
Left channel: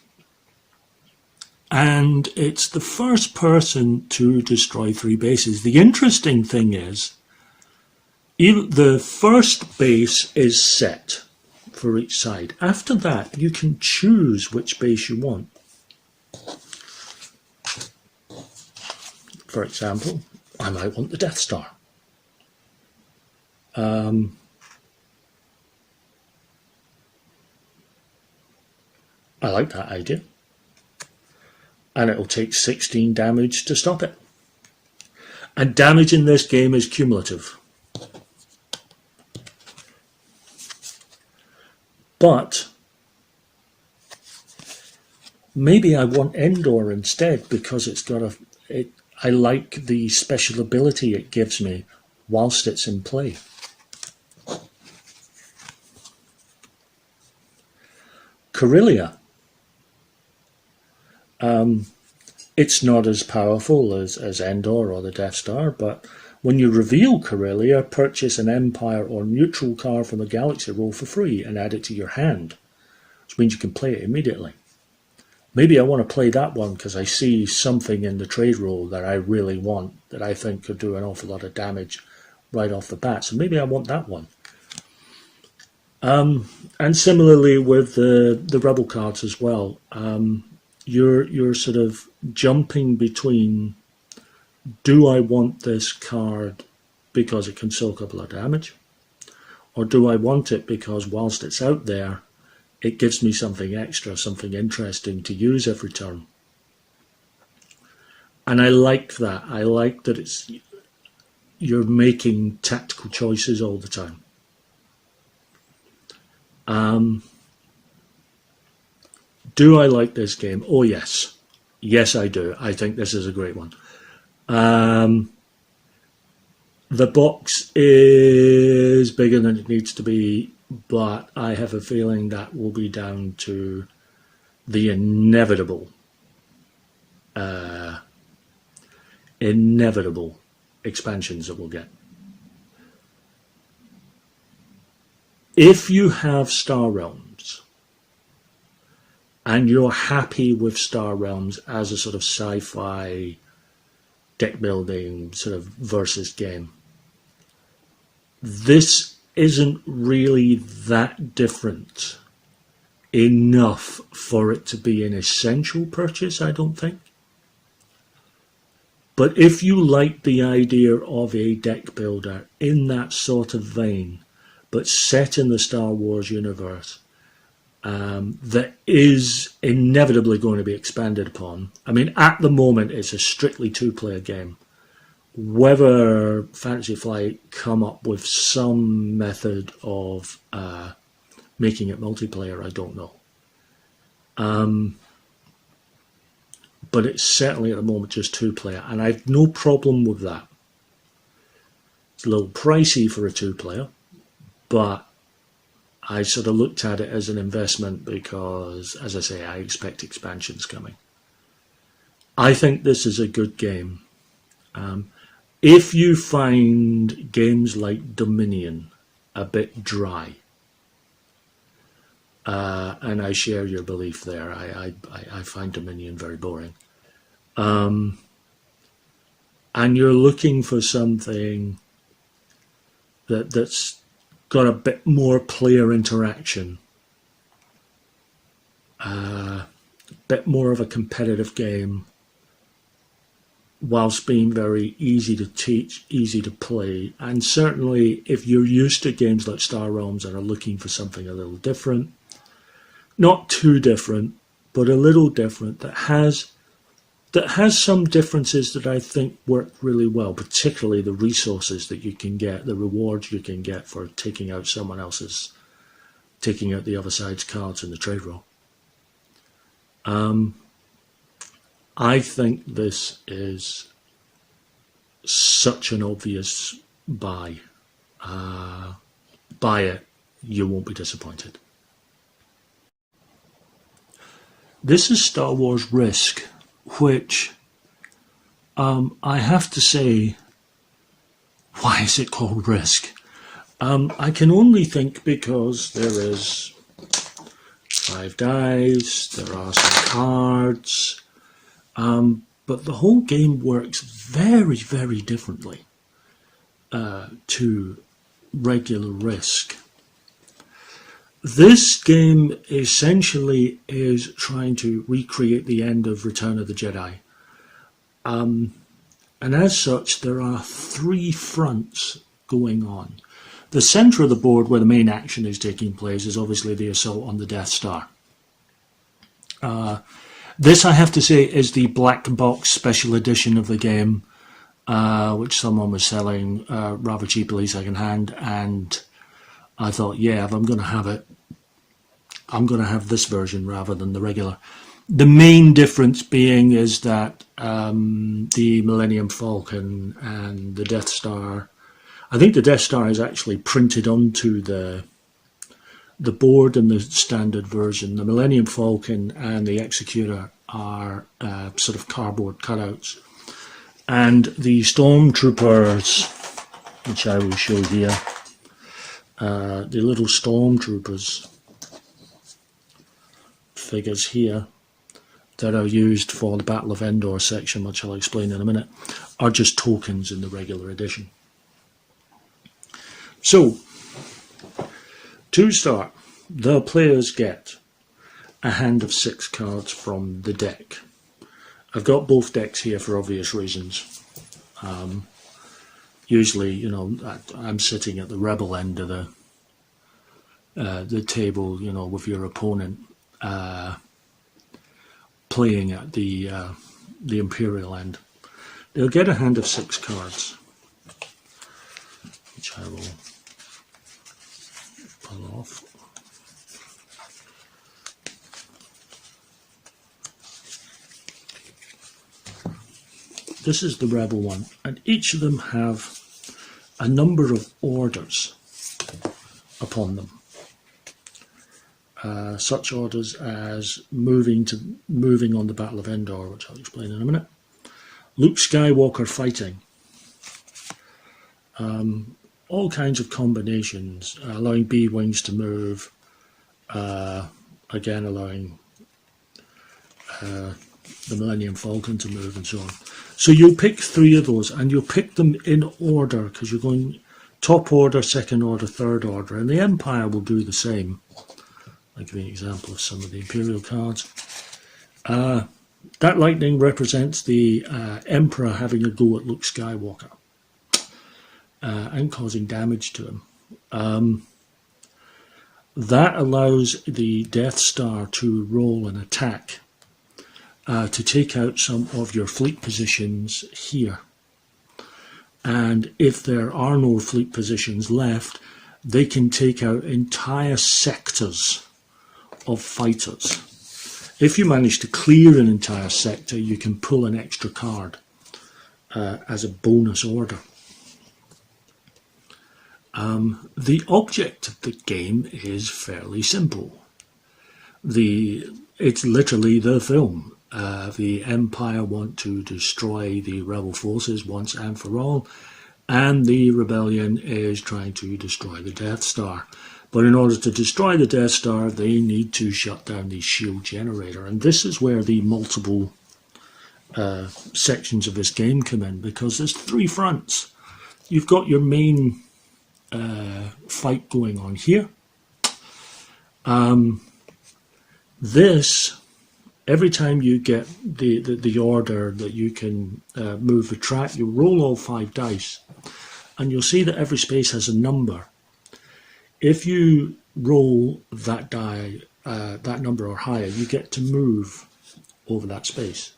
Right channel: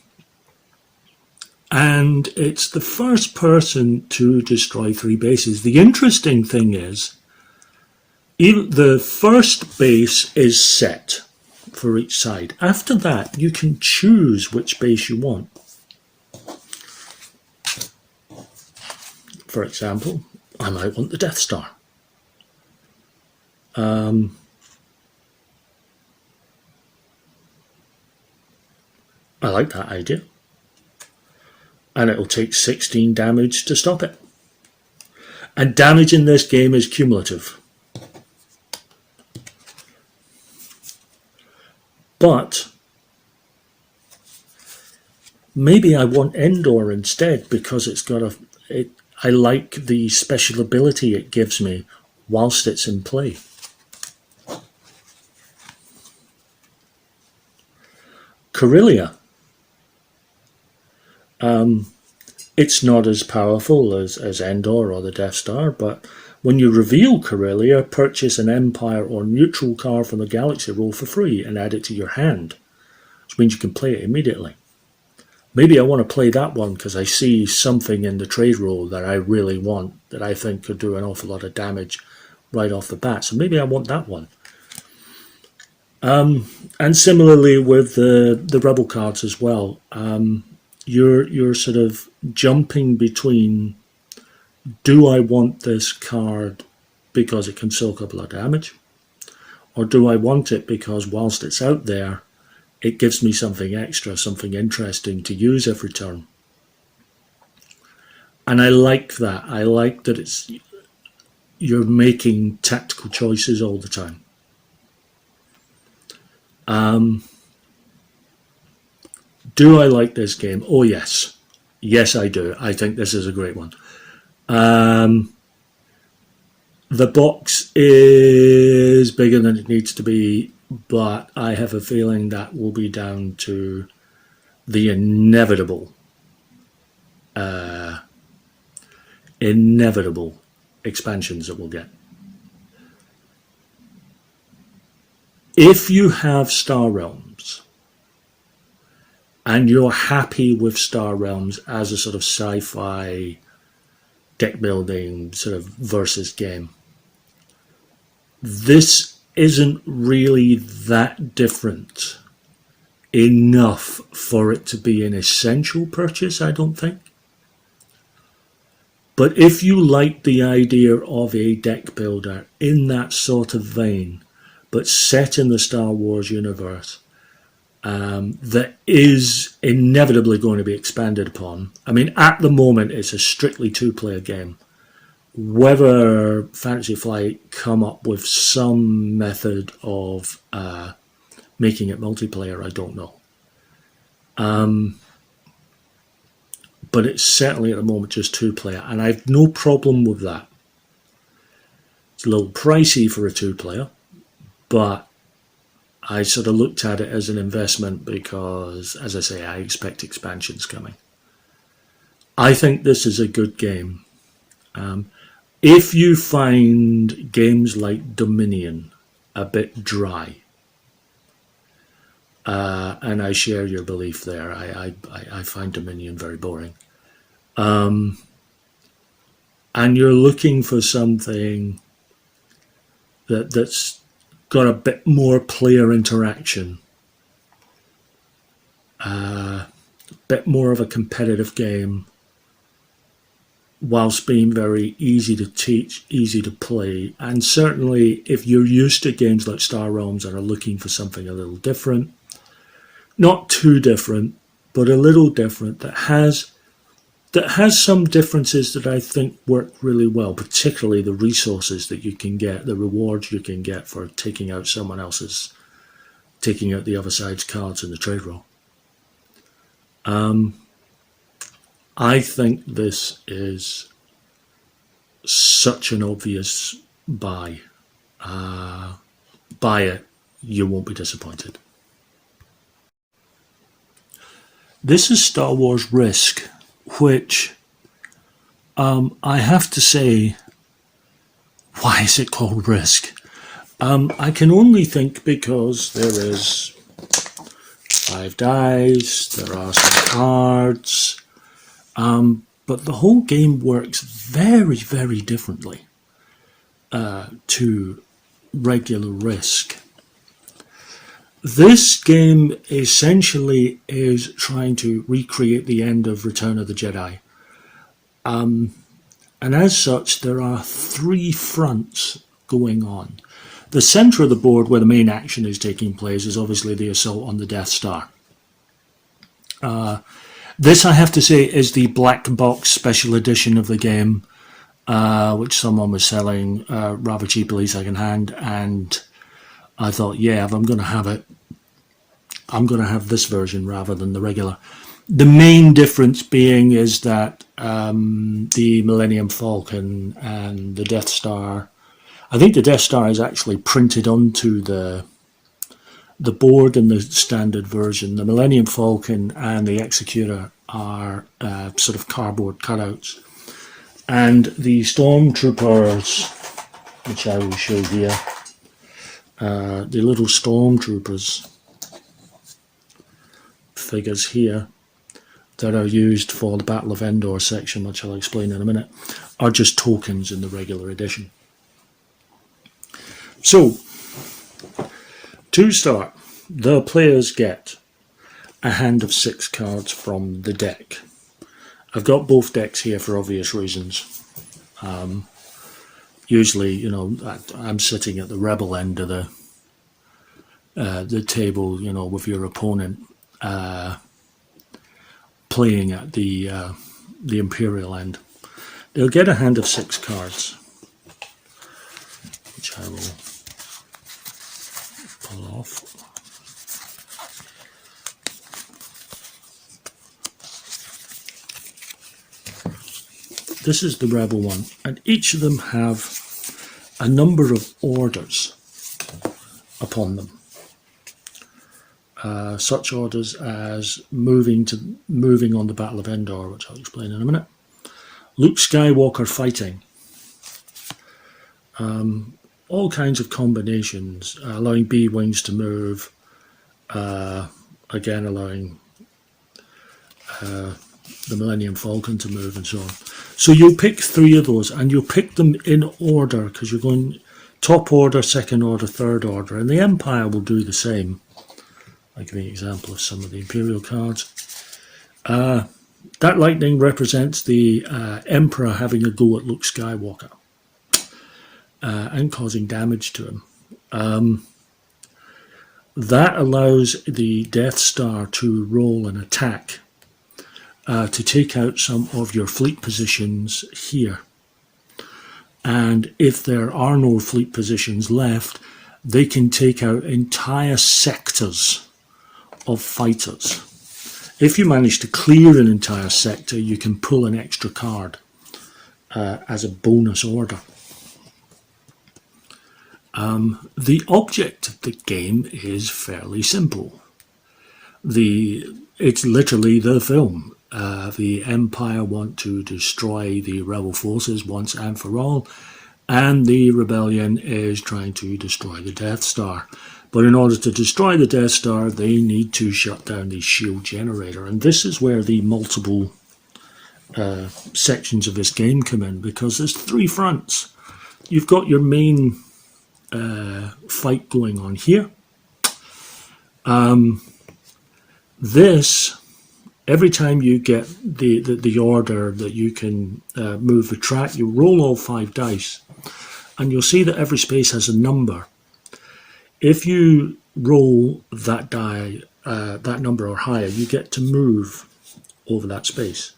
it's the first person to destroy 3 bases. The interesting thing is, even the first base is set for each side. After that, you can choose which base you want. For example, I might want the Death Star. I like that idea. And it will take 16 damage to stop it. And damage in this game is cumulative. But maybe I want Endor instead, because it's got I like the special ability it gives me whilst it's in play. Corellia. It's not as powerful as Endor or the Death Star, but when you reveal Corellia, purchase an Empire or neutral card from the Galaxy roll for free and add it to your hand, which means you can play it immediately. Maybe I want to play that one because I see something in the trade roll that I really want, that I think could do an awful lot of damage right off the bat. So maybe I want that one. And similarly with the Rebel cards as well. You're sort of jumping between, do I want this card because it can soak up a lot of damage? Or do I want it because whilst it's out there, it gives me something extra, something interesting to use every turn? And I like that. I like that you're making tactical choices all the time. Do I like this game? Oh, yes. Yes, I do. I think this is a great one. The box is bigger than it needs to be, but I have a feeling that will be down to the inevitable expansions that we'll get. If you have Star Realms and you're happy with Star Realms as a sort of sci-fi deck building sort of versus game, this isn't really that different enough for it to be an essential purchase, I don't think. But if you like the idea of a deck builder in that sort of vein, but set in the Star Wars universe, that is inevitably going to be expanded upon. I mean, at the moment, it's a strictly 2-player game. Whether Fantasy Flight come up with some method of making it multiplayer, I don't know. But it's certainly at the moment just 2-player, and I have no problem with that. It's a little pricey for a 2-player, but I sort of looked at it as an investment because, as I say, I expect expansions coming. I think this is a good game. If you find games like Dominion a bit dry, and I share your belief there, I find Dominion very boring, and you're looking for something that's got a bit more player interaction, a bit more of a competitive game, whilst being very easy to teach, easy to play. And certainly if you're used to games like Star Realms and are looking for something a little different, not too different, but a little different, that has some differences that I think work really well, particularly the resources that you can get, the rewards you can get for taking out taking out the other side's cards in the trade roll. I think this is such an obvious buy. Buy it, you won't be disappointed. This is Star Wars Risk, which I have to say, why is it called Risk? I can only think because there is 5 dice, there are some cards, but the whole game works very, very differently to regular Risk. This game essentially is trying to recreate the end of Return of the Jedi. And as such, there are 3 fronts going on. The centre of the board, where the main action is taking place, is obviously the assault on the Death Star. This, I have to say, is the black box special edition of the game, which someone was selling rather cheaply second hand, and I thought, yeah, if I'm going to have it, I'm going to have this version rather than the regular. The main difference being is that the Millennium Falcon and the Death Star, I think the Death Star is actually printed onto the board in the standard version. The Millennium Falcon and the Executor are sort of cardboard cutouts. And the Stormtroopers, which I will show here, the little Stormtroopers figures here that are used for the Battle of Endor section, which I'll explain in a minute, are just tokens in the regular edition. So, to start, the players get a hand of 6 cards from the deck. I've got both decks here for obvious reasons. Usually, you know, I'm sitting at the rebel end of the table, you know, with your opponent playing at the Imperial end. They'll get a hand of 6 cards, which I will pull off. This is the rebel one, and each of them have a number of orders upon them. Such orders as moving on the Battle of Endor, which I'll explain in a minute. Luke Skywalker fighting. All kinds of combinations, allowing B-Wings to move, again allowing the Millennium Falcon to move and so on. So you'll pick 3 of those, and you'll pick them in order, because you're going top order, second order, third order, and the Empire will do the same. I'll give you an example of some of the Imperial cards. That lightning represents the Emperor having a go at Luke Skywalker and causing damage to him. That allows the Death Star to roll an attack to take out some of your fleet positions here. And if there are no fleet positions left, they can take out entire sectors of fighters. If you manage to clear an entire sector, you can pull an extra card as a bonus order. The object of the game is fairly simple. It's literally the film. The Empire want to destroy the rebel forces once and for all, and the rebellion is trying to destroy the Death Star. But in order to destroy the Death Star, they need to shut down the shield generator, and this is where the multiple sections of this game come in, because there's three fronts. You've got your main fight going on here. This, every time you get the order that you can move the track, you roll all 5 dice, and you'll see that every space has a number. If you roll that die, that number or higher, you get to move over that space.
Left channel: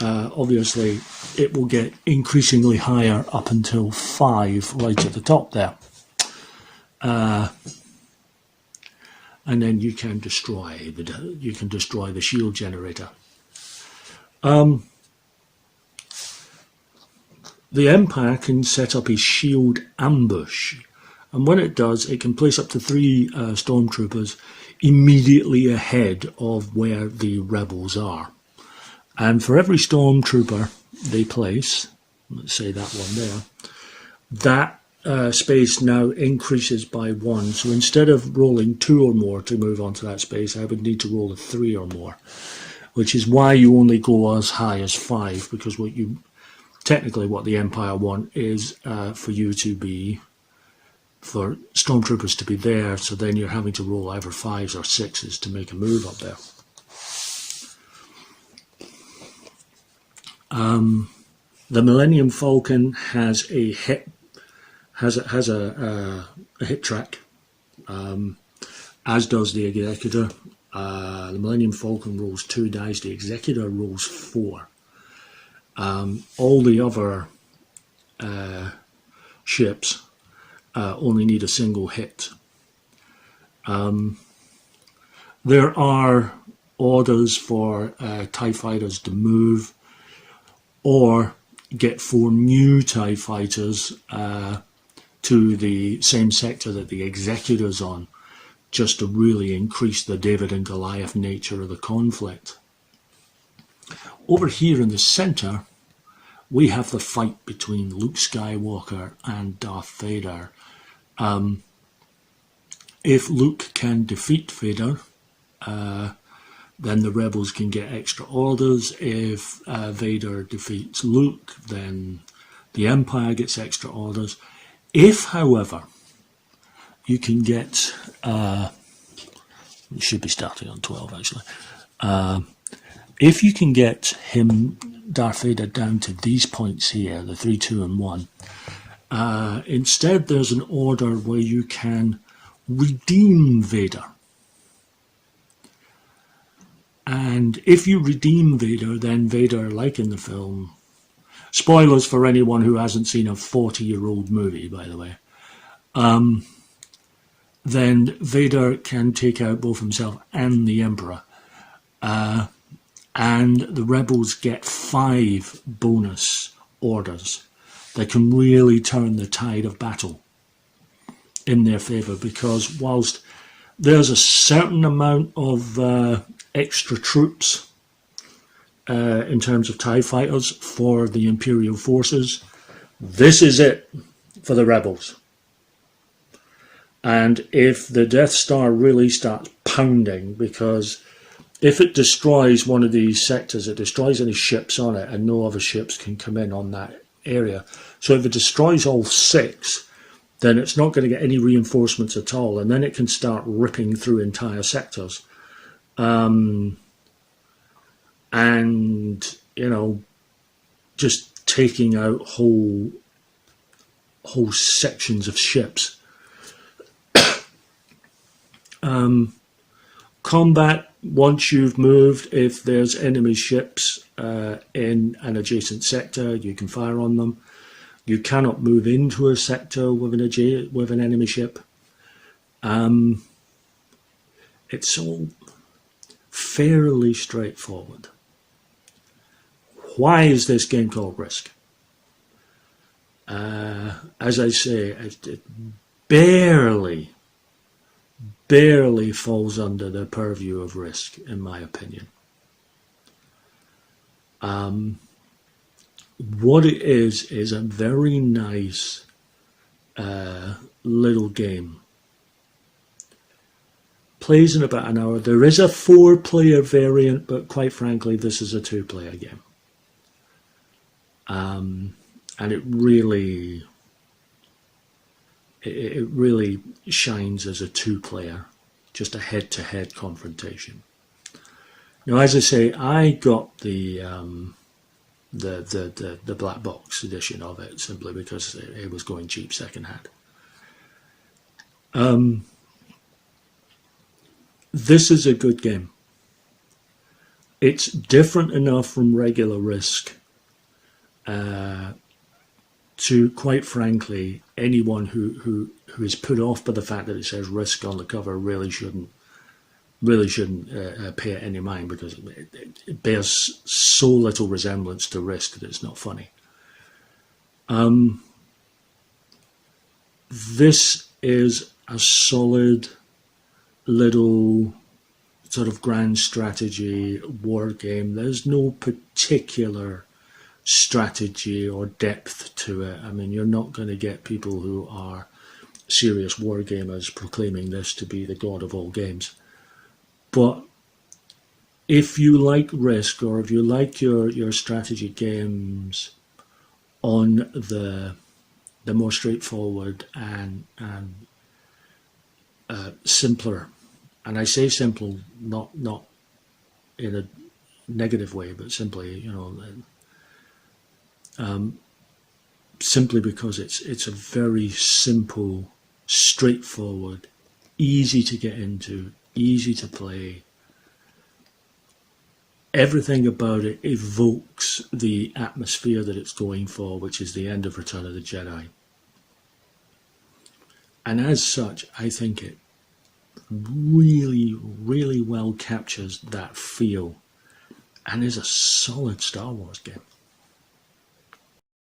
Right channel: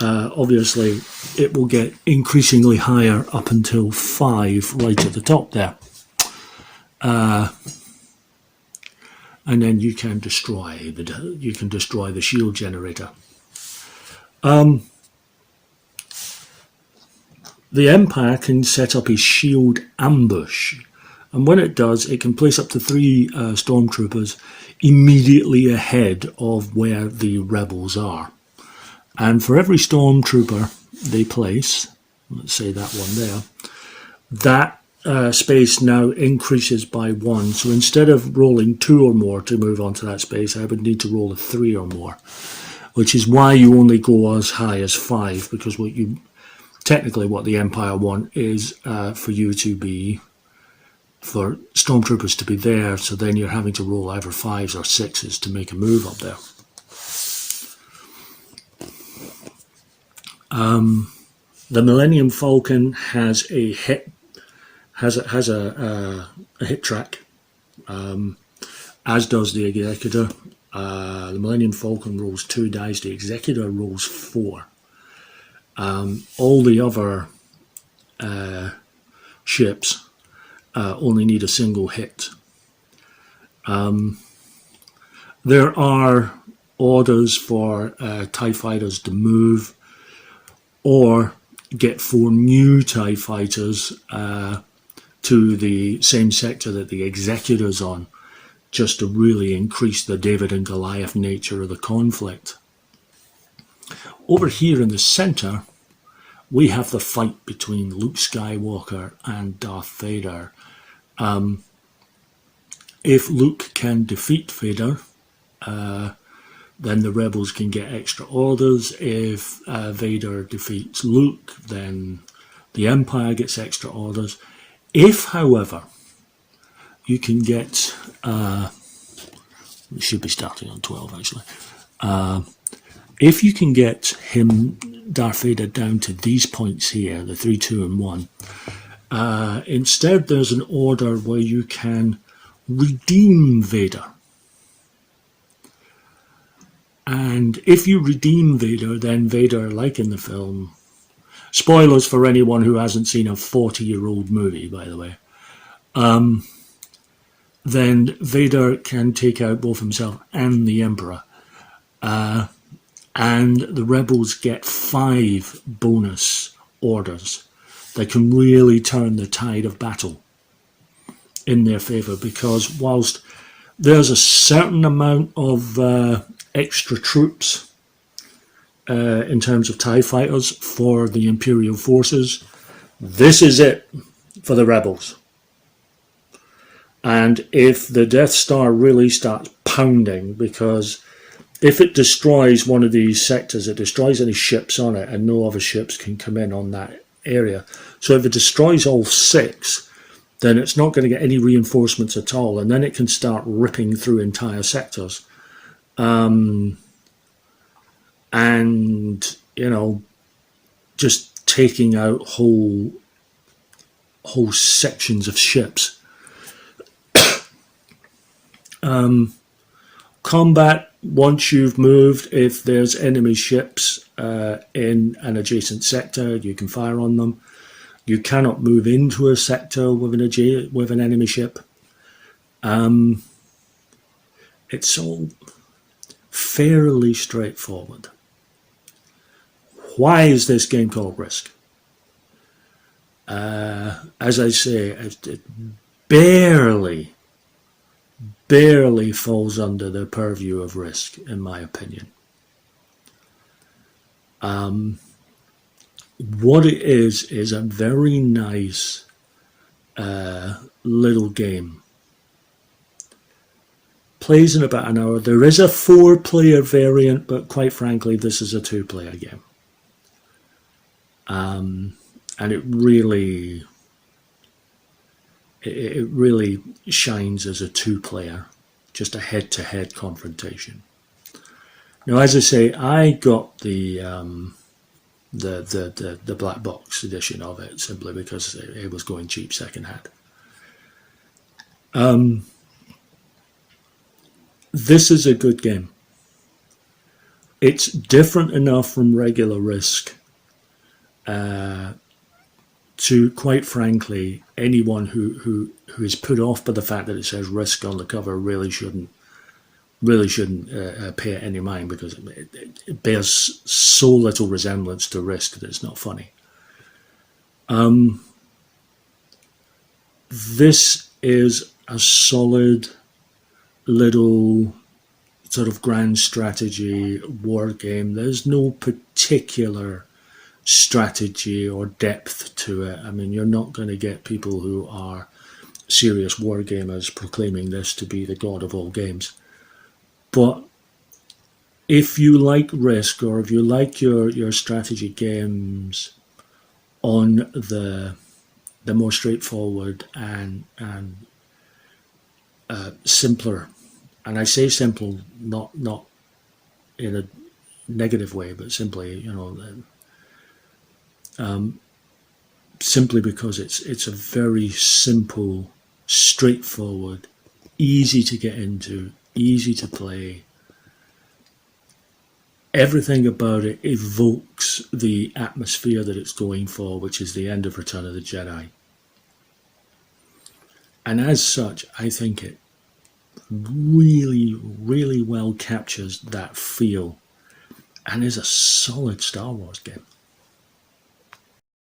Obviously, it will get increasingly higher up until 5 right at the top there. And then you can destroy the shield generator. The Empire can set up a shield ambush, and when it does, it can place up to 3 stormtroopers immediately ahead of where the rebels are. And for every stormtrooper they place, let's say that one there, that space now increases by 1. So instead of rolling 2 or more to move onto that space, I would need to roll a 3 or more, which is why you only go as high as 5, because what the Empire want is for stormtroopers to be there, so then you're having to roll either 5s or 6s to make a move up there. The Millennium Falcon has a hit track, as does the Executor. The Millennium Falcon rolls 2 dice, the Executor rolls 4. All the other ships only need a single hit. There are orders for TIE fighters to move, or get 4 new TIE fighters to the same sector that the Executor's on, just to really increase the David and Goliath nature of the conflict. Over here in the centre, we have the fight between Luke Skywalker and Darth Vader. If Luke can defeat Vader, then the rebels can get extra orders. If Vader defeats Luke, then the Empire gets extra orders. If, however, you can get... we should be starting on 12, actually. If you can get Darth Vader, down to these points here, the 3, 2, and 1, instead there's an order where you can redeem Vader. And if you redeem Vader, then Vader, like in the film, spoilers for anyone who hasn't seen a 40-year-old movie, by the way, then Vader can take out both himself and the Emperor. And the rebels get 5 bonus orders that can really turn the tide of battle in their favour, because whilst there's a certain amount of extra troops in terms of TIE fighters for the Imperial forces, this is it for the rebels. And if the Death Star really starts pounding, because if it destroys one of these sectors, it destroys any ships on it, and no other ships can come in on that area. So if it destroys all 6, then it's not going to get any reinforcements at all, and then it can start ripping through entire sectors. And, you know, just taking out whole sections of ships. Combat, once you've moved, if there's enemy ships in an adjacent sector, you can fire on them. You cannot move into a sector with an enemy ship. It's all fairly straightforward. Why is this game called Risk? And as I say, it barely falls under the purview of Risk, in my opinion. What it is a very nice little game. Plays in about an hour. There is a 4-player variant, but quite frankly, this is a 2-player game. And it really shines as a 2-player, just a head-to-head confrontation. Now, as I say, I got the black box edition of it simply because it was going cheap secondhand. This is a good game. It's different enough from regular Risk to, quite frankly, anyone who is put off by the fact that it says Risk on the cover really shouldn't pay it any mind, because it bears so little resemblance to Risk that it's not funny. This is a solid little sort of grand strategy war game. There's no particular strategy or depth to it. I mean, you're not going to get people who are serious war gamers proclaiming this to be the god of all games. But if you like Risk, or if you like your strategy games on the more straightforward and simpler, and I say simple not in a negative way, but simply, simply because it's a very simple, straightforward, easy to get into, easy to play. Everything about it evokes the atmosphere that it's going for, which is the end of Return of the Jedi. And as such, I think it really, really well captures that feel and is a solid Star Wars game.